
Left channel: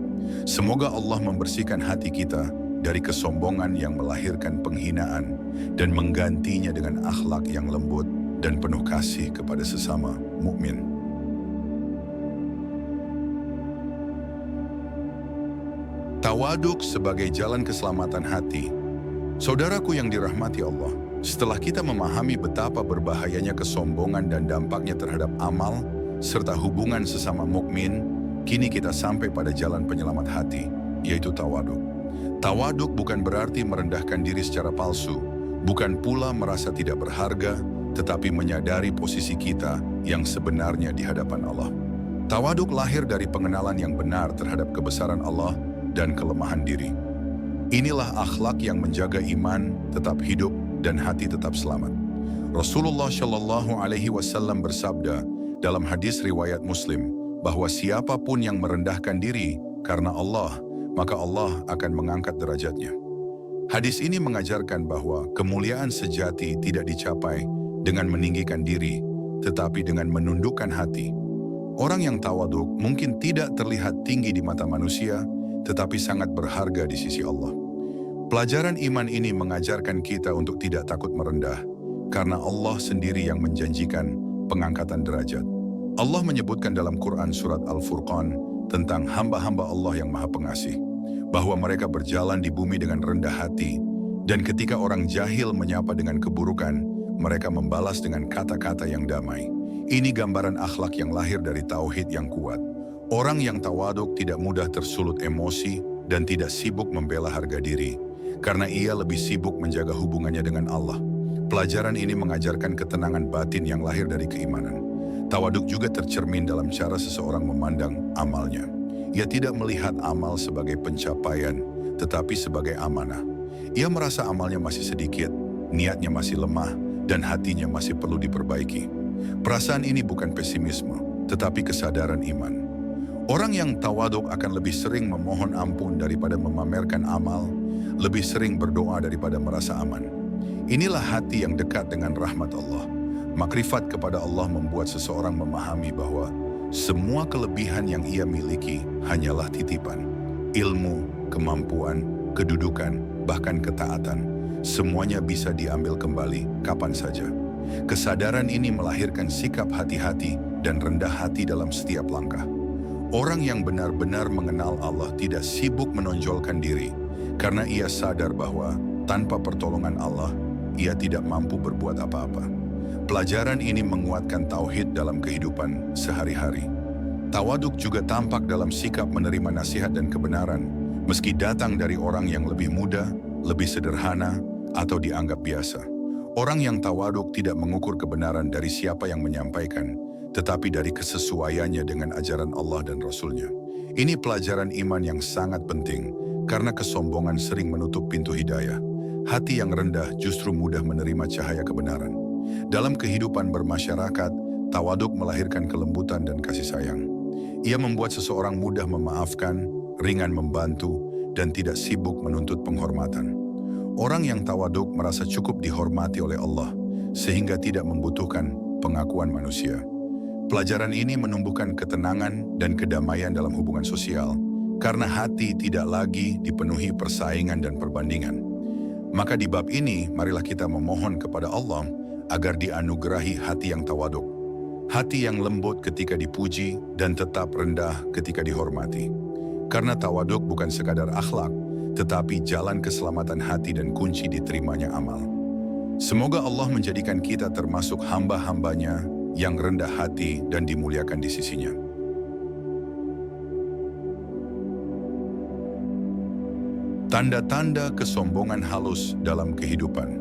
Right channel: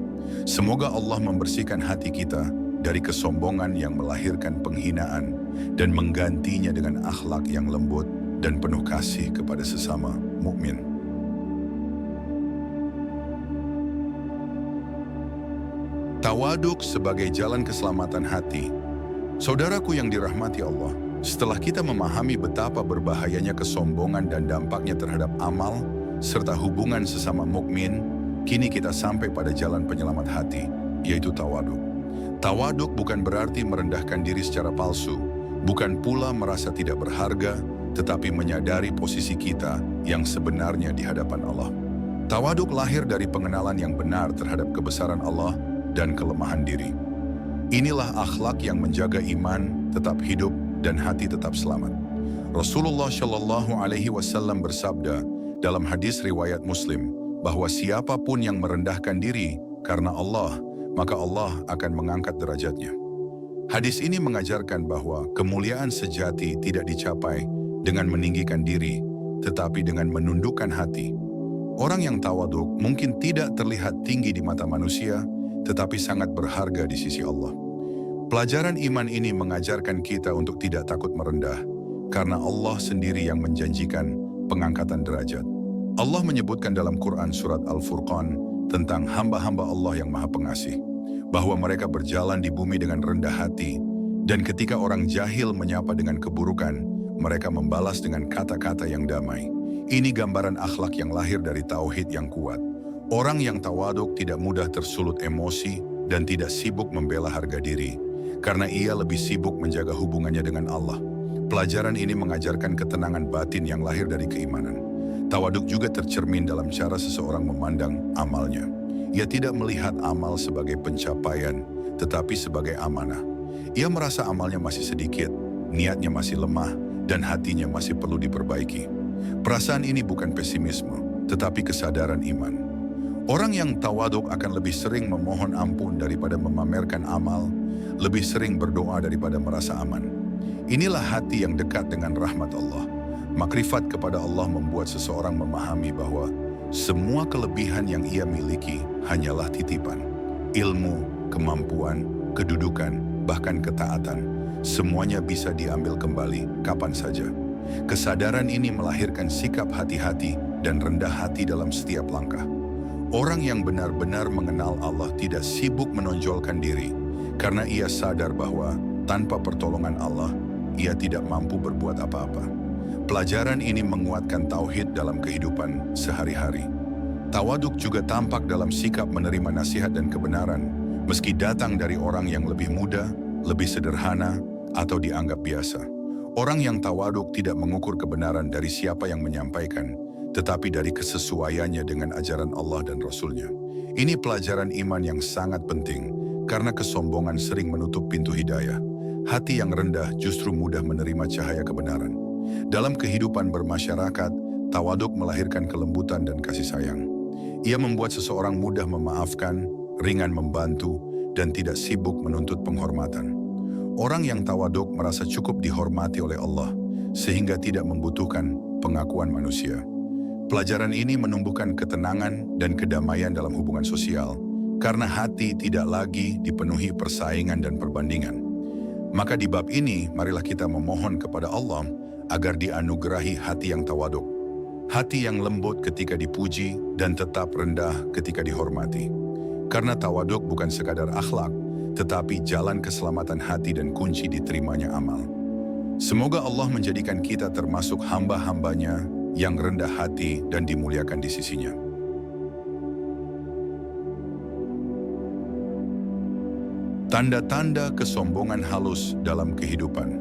Semoga Allah membersihkan hati kita dari kesombongan yang melahirkan penghinaan dan menggantinya dengan akhlak yang lembut dan penuh kasih kepada sesama mukmin. Tawaduk sebagai jalan keselamatan hati. Saudaraku yang dirahmati Allah, setelah kita memahami betapa berbahayanya kesombongan dan dampaknya terhadap amal serta hubungan sesama mukmin, kini kita sampai pada jalan penyelamat hati, yaitu tawaduk. Tawaduk bukan berarti merendahkan diri secara palsu, bukan pula merasa tidak berharga, tetapi menyadari posisi kita yang sebenarnya di hadapan Allah. Tawaduk lahir dari pengenalan yang benar terhadap kebesaran Allah dan kelemahan diri. Inilah akhlak yang menjaga iman tetap hidup dan hati tetap selamat. Rasulullah Shallallahu Alaihi Wasallam bersabda dalam hadis riwayat Muslim bahwa siapapun yang merendahkan diri karena Allah, maka Allah akan mengangkat derajatnya. Hadis ini mengajarkan bahwa kemuliaan sejati tidak dicapai dengan meninggikan diri, tetapi dengan menundukkan hati. Orang yang tawaduk mungkin tidak terlihat tinggi di mata manusia, tetapi sangat berharga di sisi Allah. Pelajaran iman ini mengajarkan kita untuk tidak takut merendah, karena Allah sendiri yang menjanjikan pengangkatan derajat. Allah menyebutkan dalam Quran surat Al-Furqan tentang hamba-hamba Allah yang Maha Pengasih, bahwa mereka berjalan di bumi dengan rendah hati, dan ketika orang jahil menyapa dengan keburukan, mereka membalas dengan kata-kata yang damai. Ini gambaran akhlak yang lahir dari tauhid yang kuat. Orang yang tawaduk tidak mudah tersulut emosi dan tidak sibuk membela harga diri, karena ia lebih sibuk menjaga hubungannya dengan Allah. Pelajaran ini mengajarkan ketenangan batin yang lahir dari keimanan. Tawaduk juga tercermin dalam cara seseorang memandang amalnya. Ia tidak melihat amal sebagai pencapaian, tetapi sebagai amanah. Ia merasa amalnya masih sedikit, niatnya masih lemah, dan hatinya masih perlu diperbaiki. Perasaan ini bukan pesimisme, tetapi kesadaran iman. Orang yang tawaduk akan lebih sering memohon ampun daripada memamerkan amal, lebih sering berdoa daripada merasa aman. Inilah hati yang dekat dengan rahmat Allah. Makrifat kepada Allah membuat seseorang memahami bahwa semua kelebihan yang ia miliki hanyalah titipan. Ilmu, kemampuan, kedudukan, bahkan ketaatan, semuanya bisa diambil kembali kapan saja. Kesadaran ini melahirkan sikap hati-hati dan rendah hati dalam setiap langkah. Orang yang benar-benar mengenal Allah tidak sibuk menonjolkan diri, karena ia sadar bahwa tanpa pertolongan Allah, ia tidak mampu berbuat apa-apa. Pelajaran ini menguatkan tauhid dalam kehidupan sehari-hari. Tawaduk juga tampak dalam sikap menerima nasihat dan kebenaran, meski datang dari orang yang lebih muda, lebih sederhana, atau dianggap biasa. Orang yang tawaduk tidak mengukur kebenaran dari siapa yang menyampaikan, tetapi dari kesesuaiannya dengan ajaran Allah dan Rasul-Nya. Ini pelajaran iman yang sangat penting, karena kesombongan sering menutup pintu hidayah. Hati yang rendah justru mudah menerima cahaya kebenaran. Dalam kehidupan bermasyarakat, tawaduk melahirkan kelembutan dan kasih sayang. Ia membuat seseorang mudah memaafkan, ringan membantu, dan tidak sibuk menuntut penghormatan. Orang yang tawaduk merasa cukup dihormati oleh Allah, sehingga tidak membutuhkan pengakuan manusia. Pelajaran ini menumbuhkan ketenangan dan kedamaian dalam hubungan sosial, karena hati tidak lagi dipenuhi persaingan dan perbandingan. Maka di bab ini, marilah kita memohon kepada Allah agar dianugerahi hati yang tawaduk, hati yang lembut ketika dipuji dan tetap rendah ketika dihormati. Karena tawaduk bukan sekadar akhlak, tetapi jalan keselamatan hati dan kunci diterimanya amal. Semoga Allah menjadikan kita termasuk hamba-hambanya yang rendah hati dan dimuliakan di sisinya. Tanda-tanda kesombongan halus dalam kehidupan.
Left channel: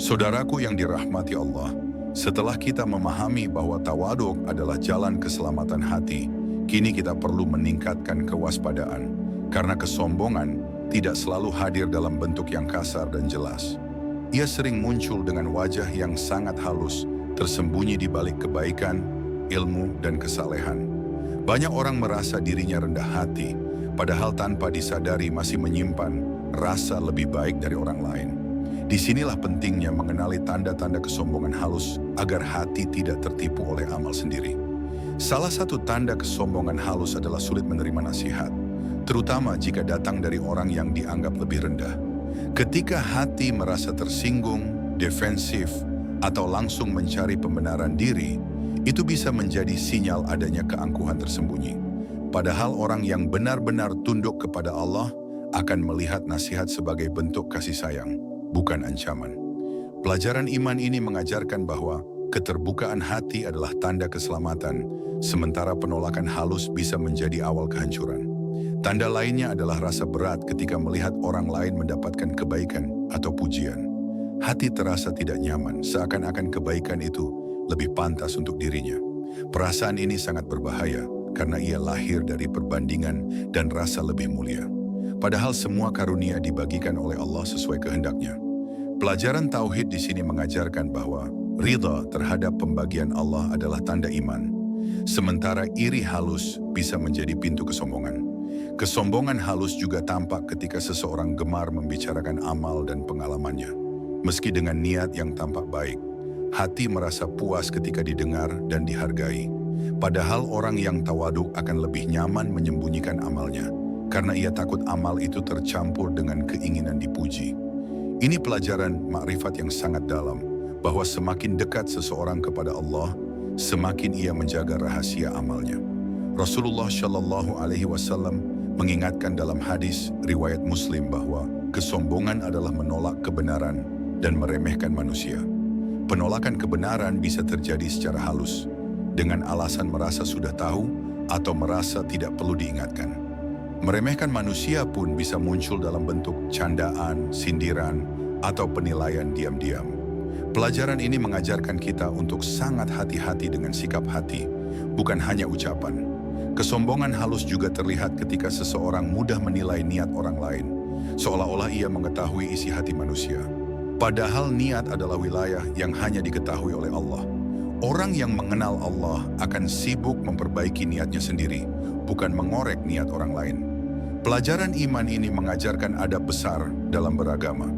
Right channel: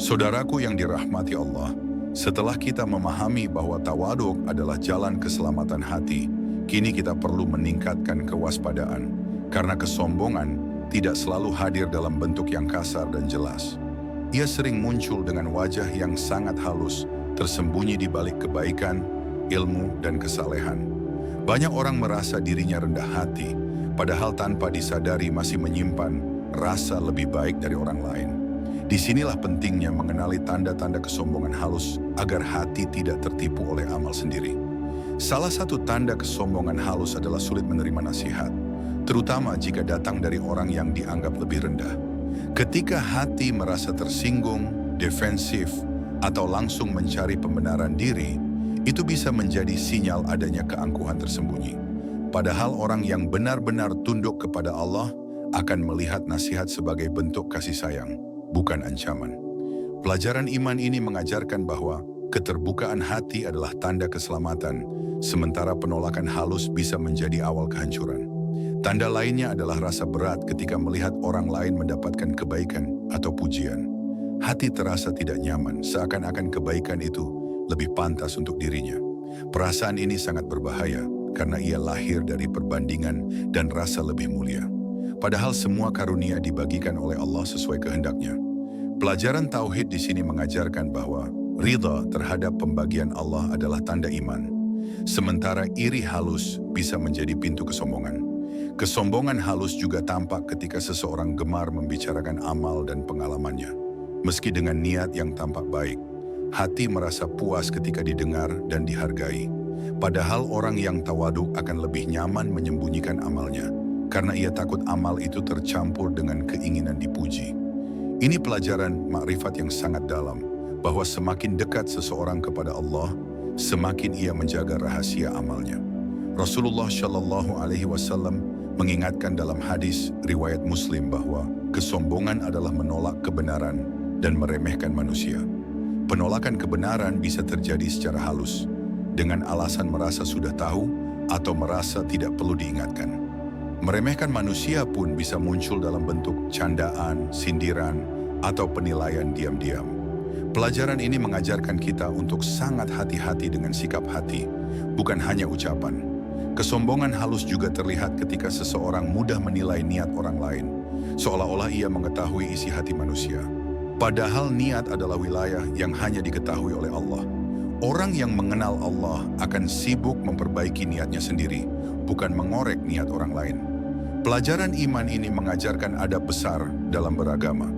Saudaraku yang dirahmati Allah, setelah kita memahami bahwa tawaduk adalah jalan keselamatan hati, kini kita perlu meningkatkan kewaspadaan, karena kesombongan tidak selalu hadir dalam bentuk yang kasar dan jelas. Ia sering muncul dengan wajah yang sangat halus, tersembunyi di balik kebaikan, ilmu, dan kesalehan. Banyak orang merasa dirinya rendah hati, padahal tanpa disadari masih menyimpan rasa lebih baik dari orang lain. Disinilah pentingnya mengenali tanda-tanda kesombongan halus agar hati tidak tertipu oleh amal sendiri. Salah satu tanda kesombongan halus adalah sulit menerima nasihat, terutama jika datang dari orang yang dianggap lebih rendah. Ketika hati merasa tersinggung, defensif, atau langsung mencari pembenaran diri, itu bisa menjadi sinyal adanya keangkuhan tersembunyi. Padahal orang yang benar-benar tunduk kepada Allah akan melihat nasihat sebagai bentuk kasih sayang, bukan ancaman. Pelajaran iman ini mengajarkan bahwa keterbukaan hati adalah tanda keselamatan, sementara penolakan halus bisa menjadi awal kehancuran. Tanda lainnya adalah rasa berat ketika melihat orang lain mendapatkan kebaikan atau pujian. Hati terasa tidak nyaman, seakan-akan kebaikan itu lebih pantas untuk dirinya. Perasaan ini sangat berbahaya karena ia lahir dari perbandingan dan rasa lebih mulia. Padahal semua karunia dibagikan oleh Allah sesuai kehendaknya. Pelajaran tauhid di sini mengajarkan bahwa ridha terhadap pembagian Allah adalah tanda iman. Sementara iri halus bisa menjadi pintu kesombongan. Kesombongan halus juga tampak ketika seseorang gemar membicarakan amal dan pengalamannya. Meski dengan niat yang tampak baik, hati merasa puas ketika didengar dan dihargai. Padahal orang yang tawaduk akan lebih nyaman menyembunyikan amalnya, karena ia takut amal itu tercampur dengan keinginan dipuji. Ini pelajaran makrifat yang sangat dalam, bahwa semakin dekat seseorang kepada Allah, semakin ia menjaga rahasia amalnya. Rasulullah Shallallahu Alaihi Wasallam mengingatkan dalam hadis riwayat Muslim bahwa kesombongan adalah menolak kebenaran dan meremehkan manusia. Penolakan kebenaran bisa terjadi secara halus, dengan alasan merasa sudah tahu atau merasa tidak perlu diingatkan. Meremehkan manusia pun bisa muncul dalam bentuk candaan, sindiran, atau penilaian diam-diam. Pelajaran ini mengajarkan kita untuk sangat hati-hati dengan sikap hati, bukan hanya ucapan. Kesombongan halus juga terlihat ketika seseorang mudah menilai niat orang lain, seolah-olah ia mengetahui isi hati manusia. Padahal niat adalah wilayah yang hanya diketahui oleh Allah. Orang yang mengenal Allah akan sibuk memperbaiki niatnya sendiri, bukan mengorek niat orang lain. Pelajaran iman ini mengajarkan adab besar dalam beragama,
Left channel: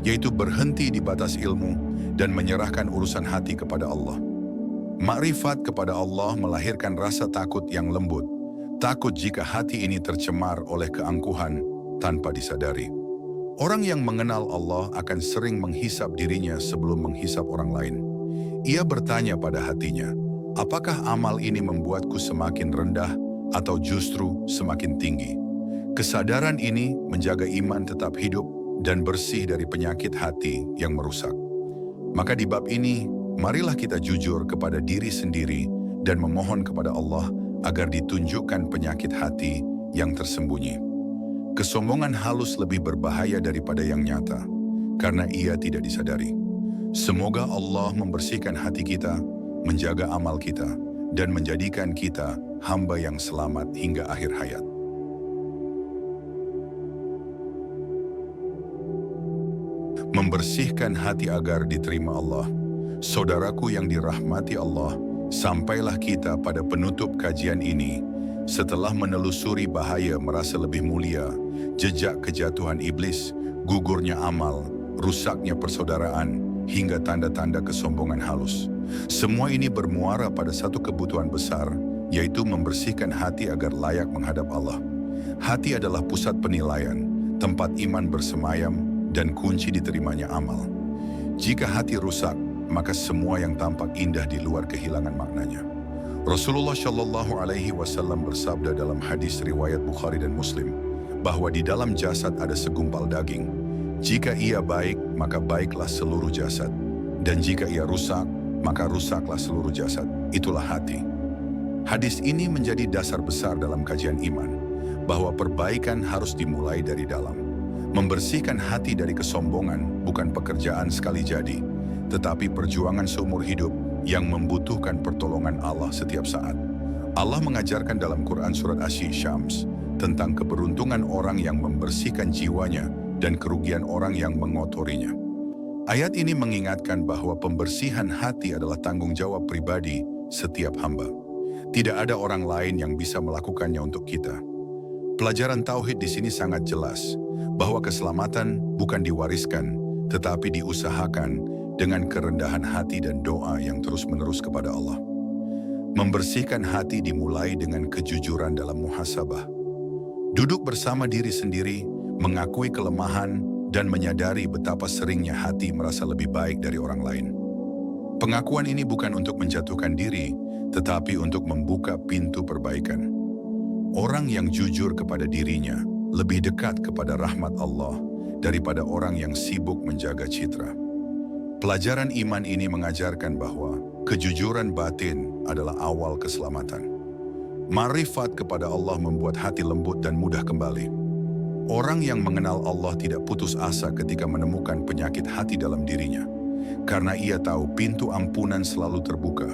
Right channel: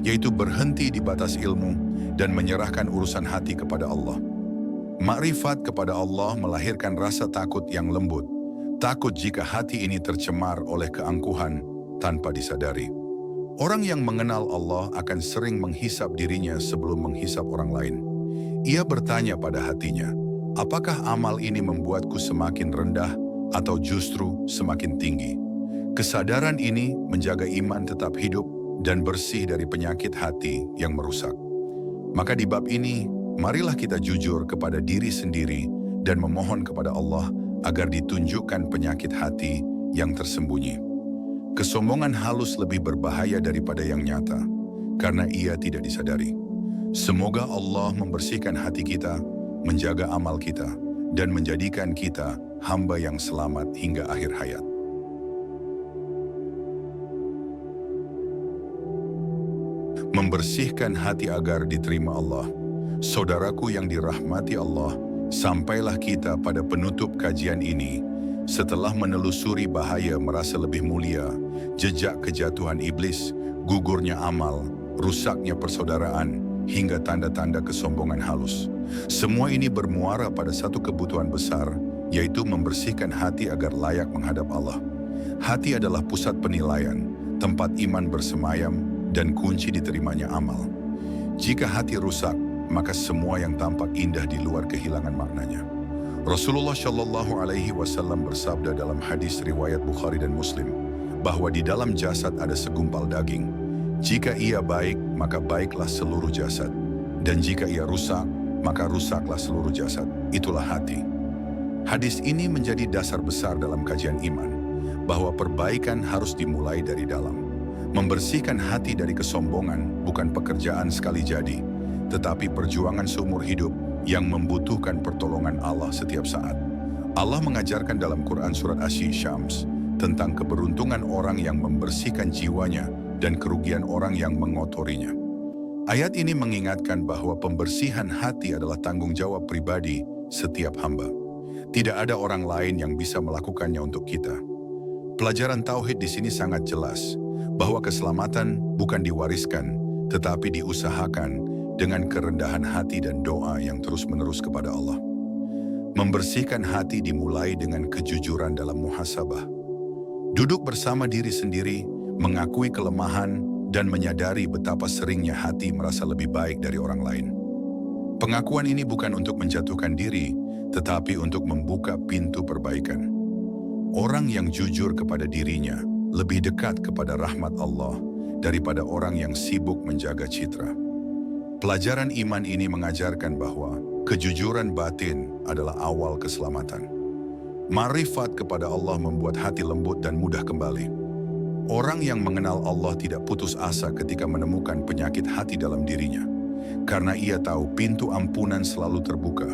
yaitu berhenti di batas ilmu dan menyerahkan urusan hati kepada Allah. Makrifat kepada Allah melahirkan rasa takut yang lembut, takut jika hati ini tercemar oleh keangkuhan tanpa disadari. Orang yang mengenal Allah akan sering menghisap dirinya sebelum menghisap orang lain. Ia bertanya pada hatinya, apakah amal ini membuatku semakin rendah atau justru semakin tinggi? Kesadaran ini menjaga iman tetap hidup dan bersih dari penyakit hati yang merusak. Maka di bab ini, marilah kita jujur kepada diri sendiri dan memohon kepada Allah agar ditunjukkan penyakit hati yang tersembunyi. Kesombongan halus lebih berbahaya daripada yang nyata, karena ia tidak disadari. Semoga Allah membersihkan hati kita, menjaga amal kita, dan menjadikan kita hamba yang selamat hingga akhir hayat. Membersihkan hati agar diterima Allah. Saudaraku yang dirahmati Allah, sampailah kita pada penutup kajian ini. Setelah menelusuri bahaya merasa lebih mulia, jejak kejatuhan iblis, gugurnya amal, rusaknya persaudaraan, hingga tanda-tanda kesombongan halus. Semua ini bermuara pada satu kebutuhan besar, yaitu membersihkan hati agar layak menghadap Allah. Hati adalah pusat penilaian, tempat iman bersemayam, dan kunci diterimanya amal. Jika hati rusak, maka semua yang tampak indah di luar kehilangan maknanya. Rasulullah Shallallahu Alaihi Wasallam bersabda dalam hadis riwayat Bukhari dan Muslim, bahwa di dalam jasad ada segumpal daging. Jika ia baik, maka baiklah seluruh jasad. Dan jika ia rusak, maka rusaklah seluruh jasad. Itulah hati. Hadis ini menjadi dasar besar dalam kajian iman, bahwa perbaikan harus dimulai dari dalam. Membersihkan hati dari kesombongan bukan pekerjaan sekali jadi, tetapi perjuangan seumur hidup yang membutuhkan pertolongan Allah setiap saat. Allah mengajarkan dalam Quran surat Asy-Syams tentang keberuntungan orang yang membersihkan jiwanya dan kerugian orang yang mengotorinya. Ayat ini mengingatkan bahwa pembersihan hati adalah tanggung jawab pribadi setiap hamba. Tidak ada orang lain yang bisa melakukannya untuk kita. Pelajaran tauhid di sini sangat jelas, bahwa keselamatan bukan diwariskan, tetapi diusahakan dengan kerendahan hati dan doa yang terus-menerus kepada Allah. Membersihkan hati dimulai dengan kejujuran dalam muhasabah. Duduk bersama diri sendiri, mengakui kelemahan, dan menyadari betapa seringnya hati merasa lebih baik dari orang lain. Pengakuan ini bukan untuk menjatuhkan diri, tetapi untuk membuka pintu perbaikan. Orang yang jujur kepada dirinya lebih dekat kepada rahmat Allah daripada orang yang sibuk menjaga citra. Pelajaran iman ini mengajarkan bahwa kejujuran batin adalah awal keselamatan. Makrifat kepada Allah membuat hati lembut dan mudah kembali. Orang yang mengenal Allah tidak putus asa ketika menemukan penyakit hati dalam dirinya, karena ia tahu pintu ampunan selalu terbuka.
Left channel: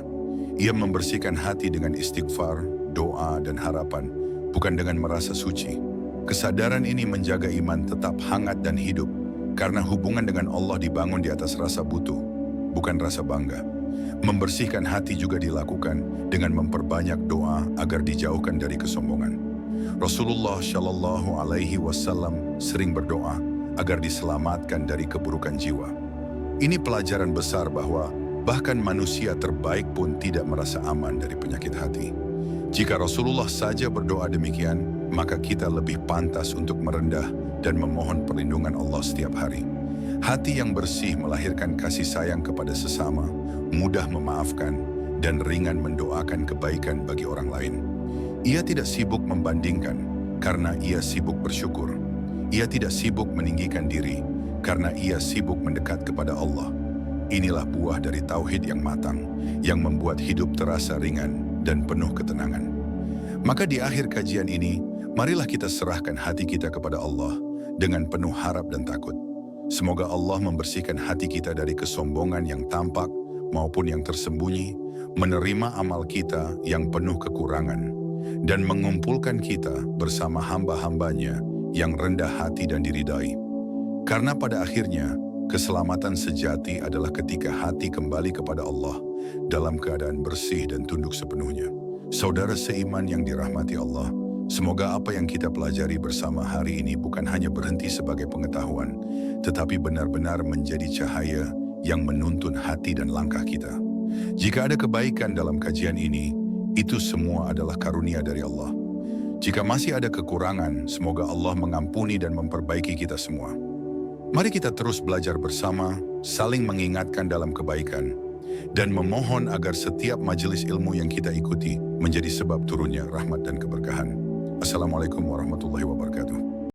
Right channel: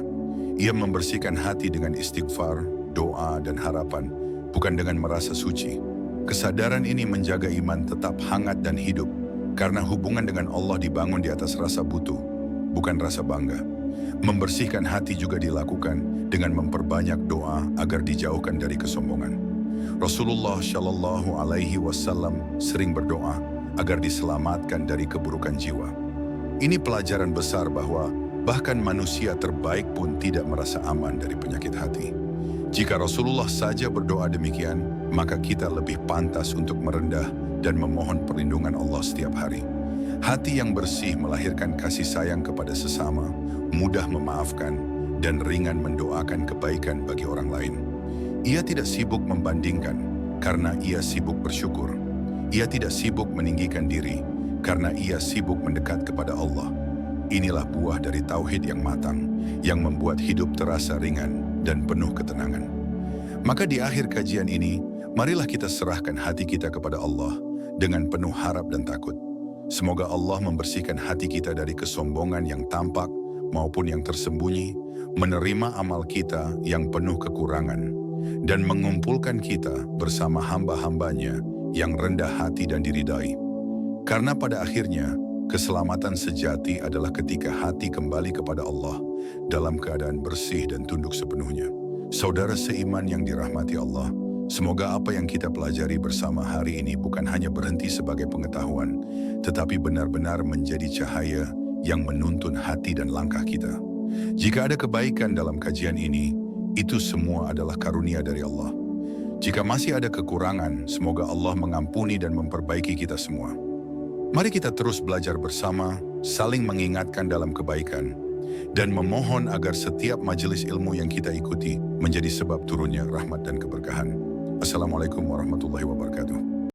Ia membersihkan hati dengan istighfar, doa, dan harapan, bukan dengan merasa suci. Kesadaran ini menjaga iman tetap hangat dan hidup, karena hubungan dengan Allah dibangun di atas rasa butuh, bukan rasa bangga. Membersihkan hati juga dilakukan dengan memperbanyak doa agar dijauhkan dari kesombongan. Rasulullah Shallallahu Alaihi Wasallam sering berdoa agar diselamatkan dari keburukan jiwa. Ini pelajaran besar bahwa bahkan manusia terbaik pun tidak merasa aman dari penyakit hati. Jika Rasulullah saja berdoa demikian, maka kita lebih pantas untuk merendah dan memohon perlindungan Allah setiap hari. Hati yang bersih melahirkan kasih sayang kepada sesama, mudah memaafkan, dan ringan mendoakan kebaikan bagi orang lain. Ia tidak sibuk membandingkan, karena ia sibuk bersyukur. Ia tidak sibuk meninggikan diri, karena ia sibuk mendekat kepada Allah. Inilah buah dari tauhid yang matang, yang membuat hidup terasa ringan dan penuh ketenangan. Maka di akhir kajian ini, marilah kita serahkan hati kita kepada Allah dengan penuh harap dan takut. Semoga Allah membersihkan hati kita dari kesombongan yang tampak maupun yang tersembunyi, menerima amal kita yang penuh kekurangan, dan mengumpulkan kita bersama hamba-hambanya yang rendah hati dan diridai. Karena pada akhirnya, keselamatan sejati adalah ketika hati kembali kepada Allah dalam keadaan bersih dan tunduk sepenuhnya. Saudara seiman yang dirahmati Allah, semoga apa yang kita pelajari bersama hari ini bukan hanya berhenti sebagai pengetahuan, tetapi benar-benar menjadi cahaya yang menuntun hati dan langkah kita. Jika ada kebaikan dalam kajian ini, itu semua adalah karunia dari Allah. Jika masih ada kekurangan, semoga Allah mengampuni dan memperbaiki kita semua. Mari kita terus belajar bersama, saling mengingatkan dalam kebaikan, dan memohon agar setiap majelis ilmu yang kita ikuti menjadi sebab turunnya rahmat dan keberkahan. Assalamualaikum warahmatullahi wabarakatuh.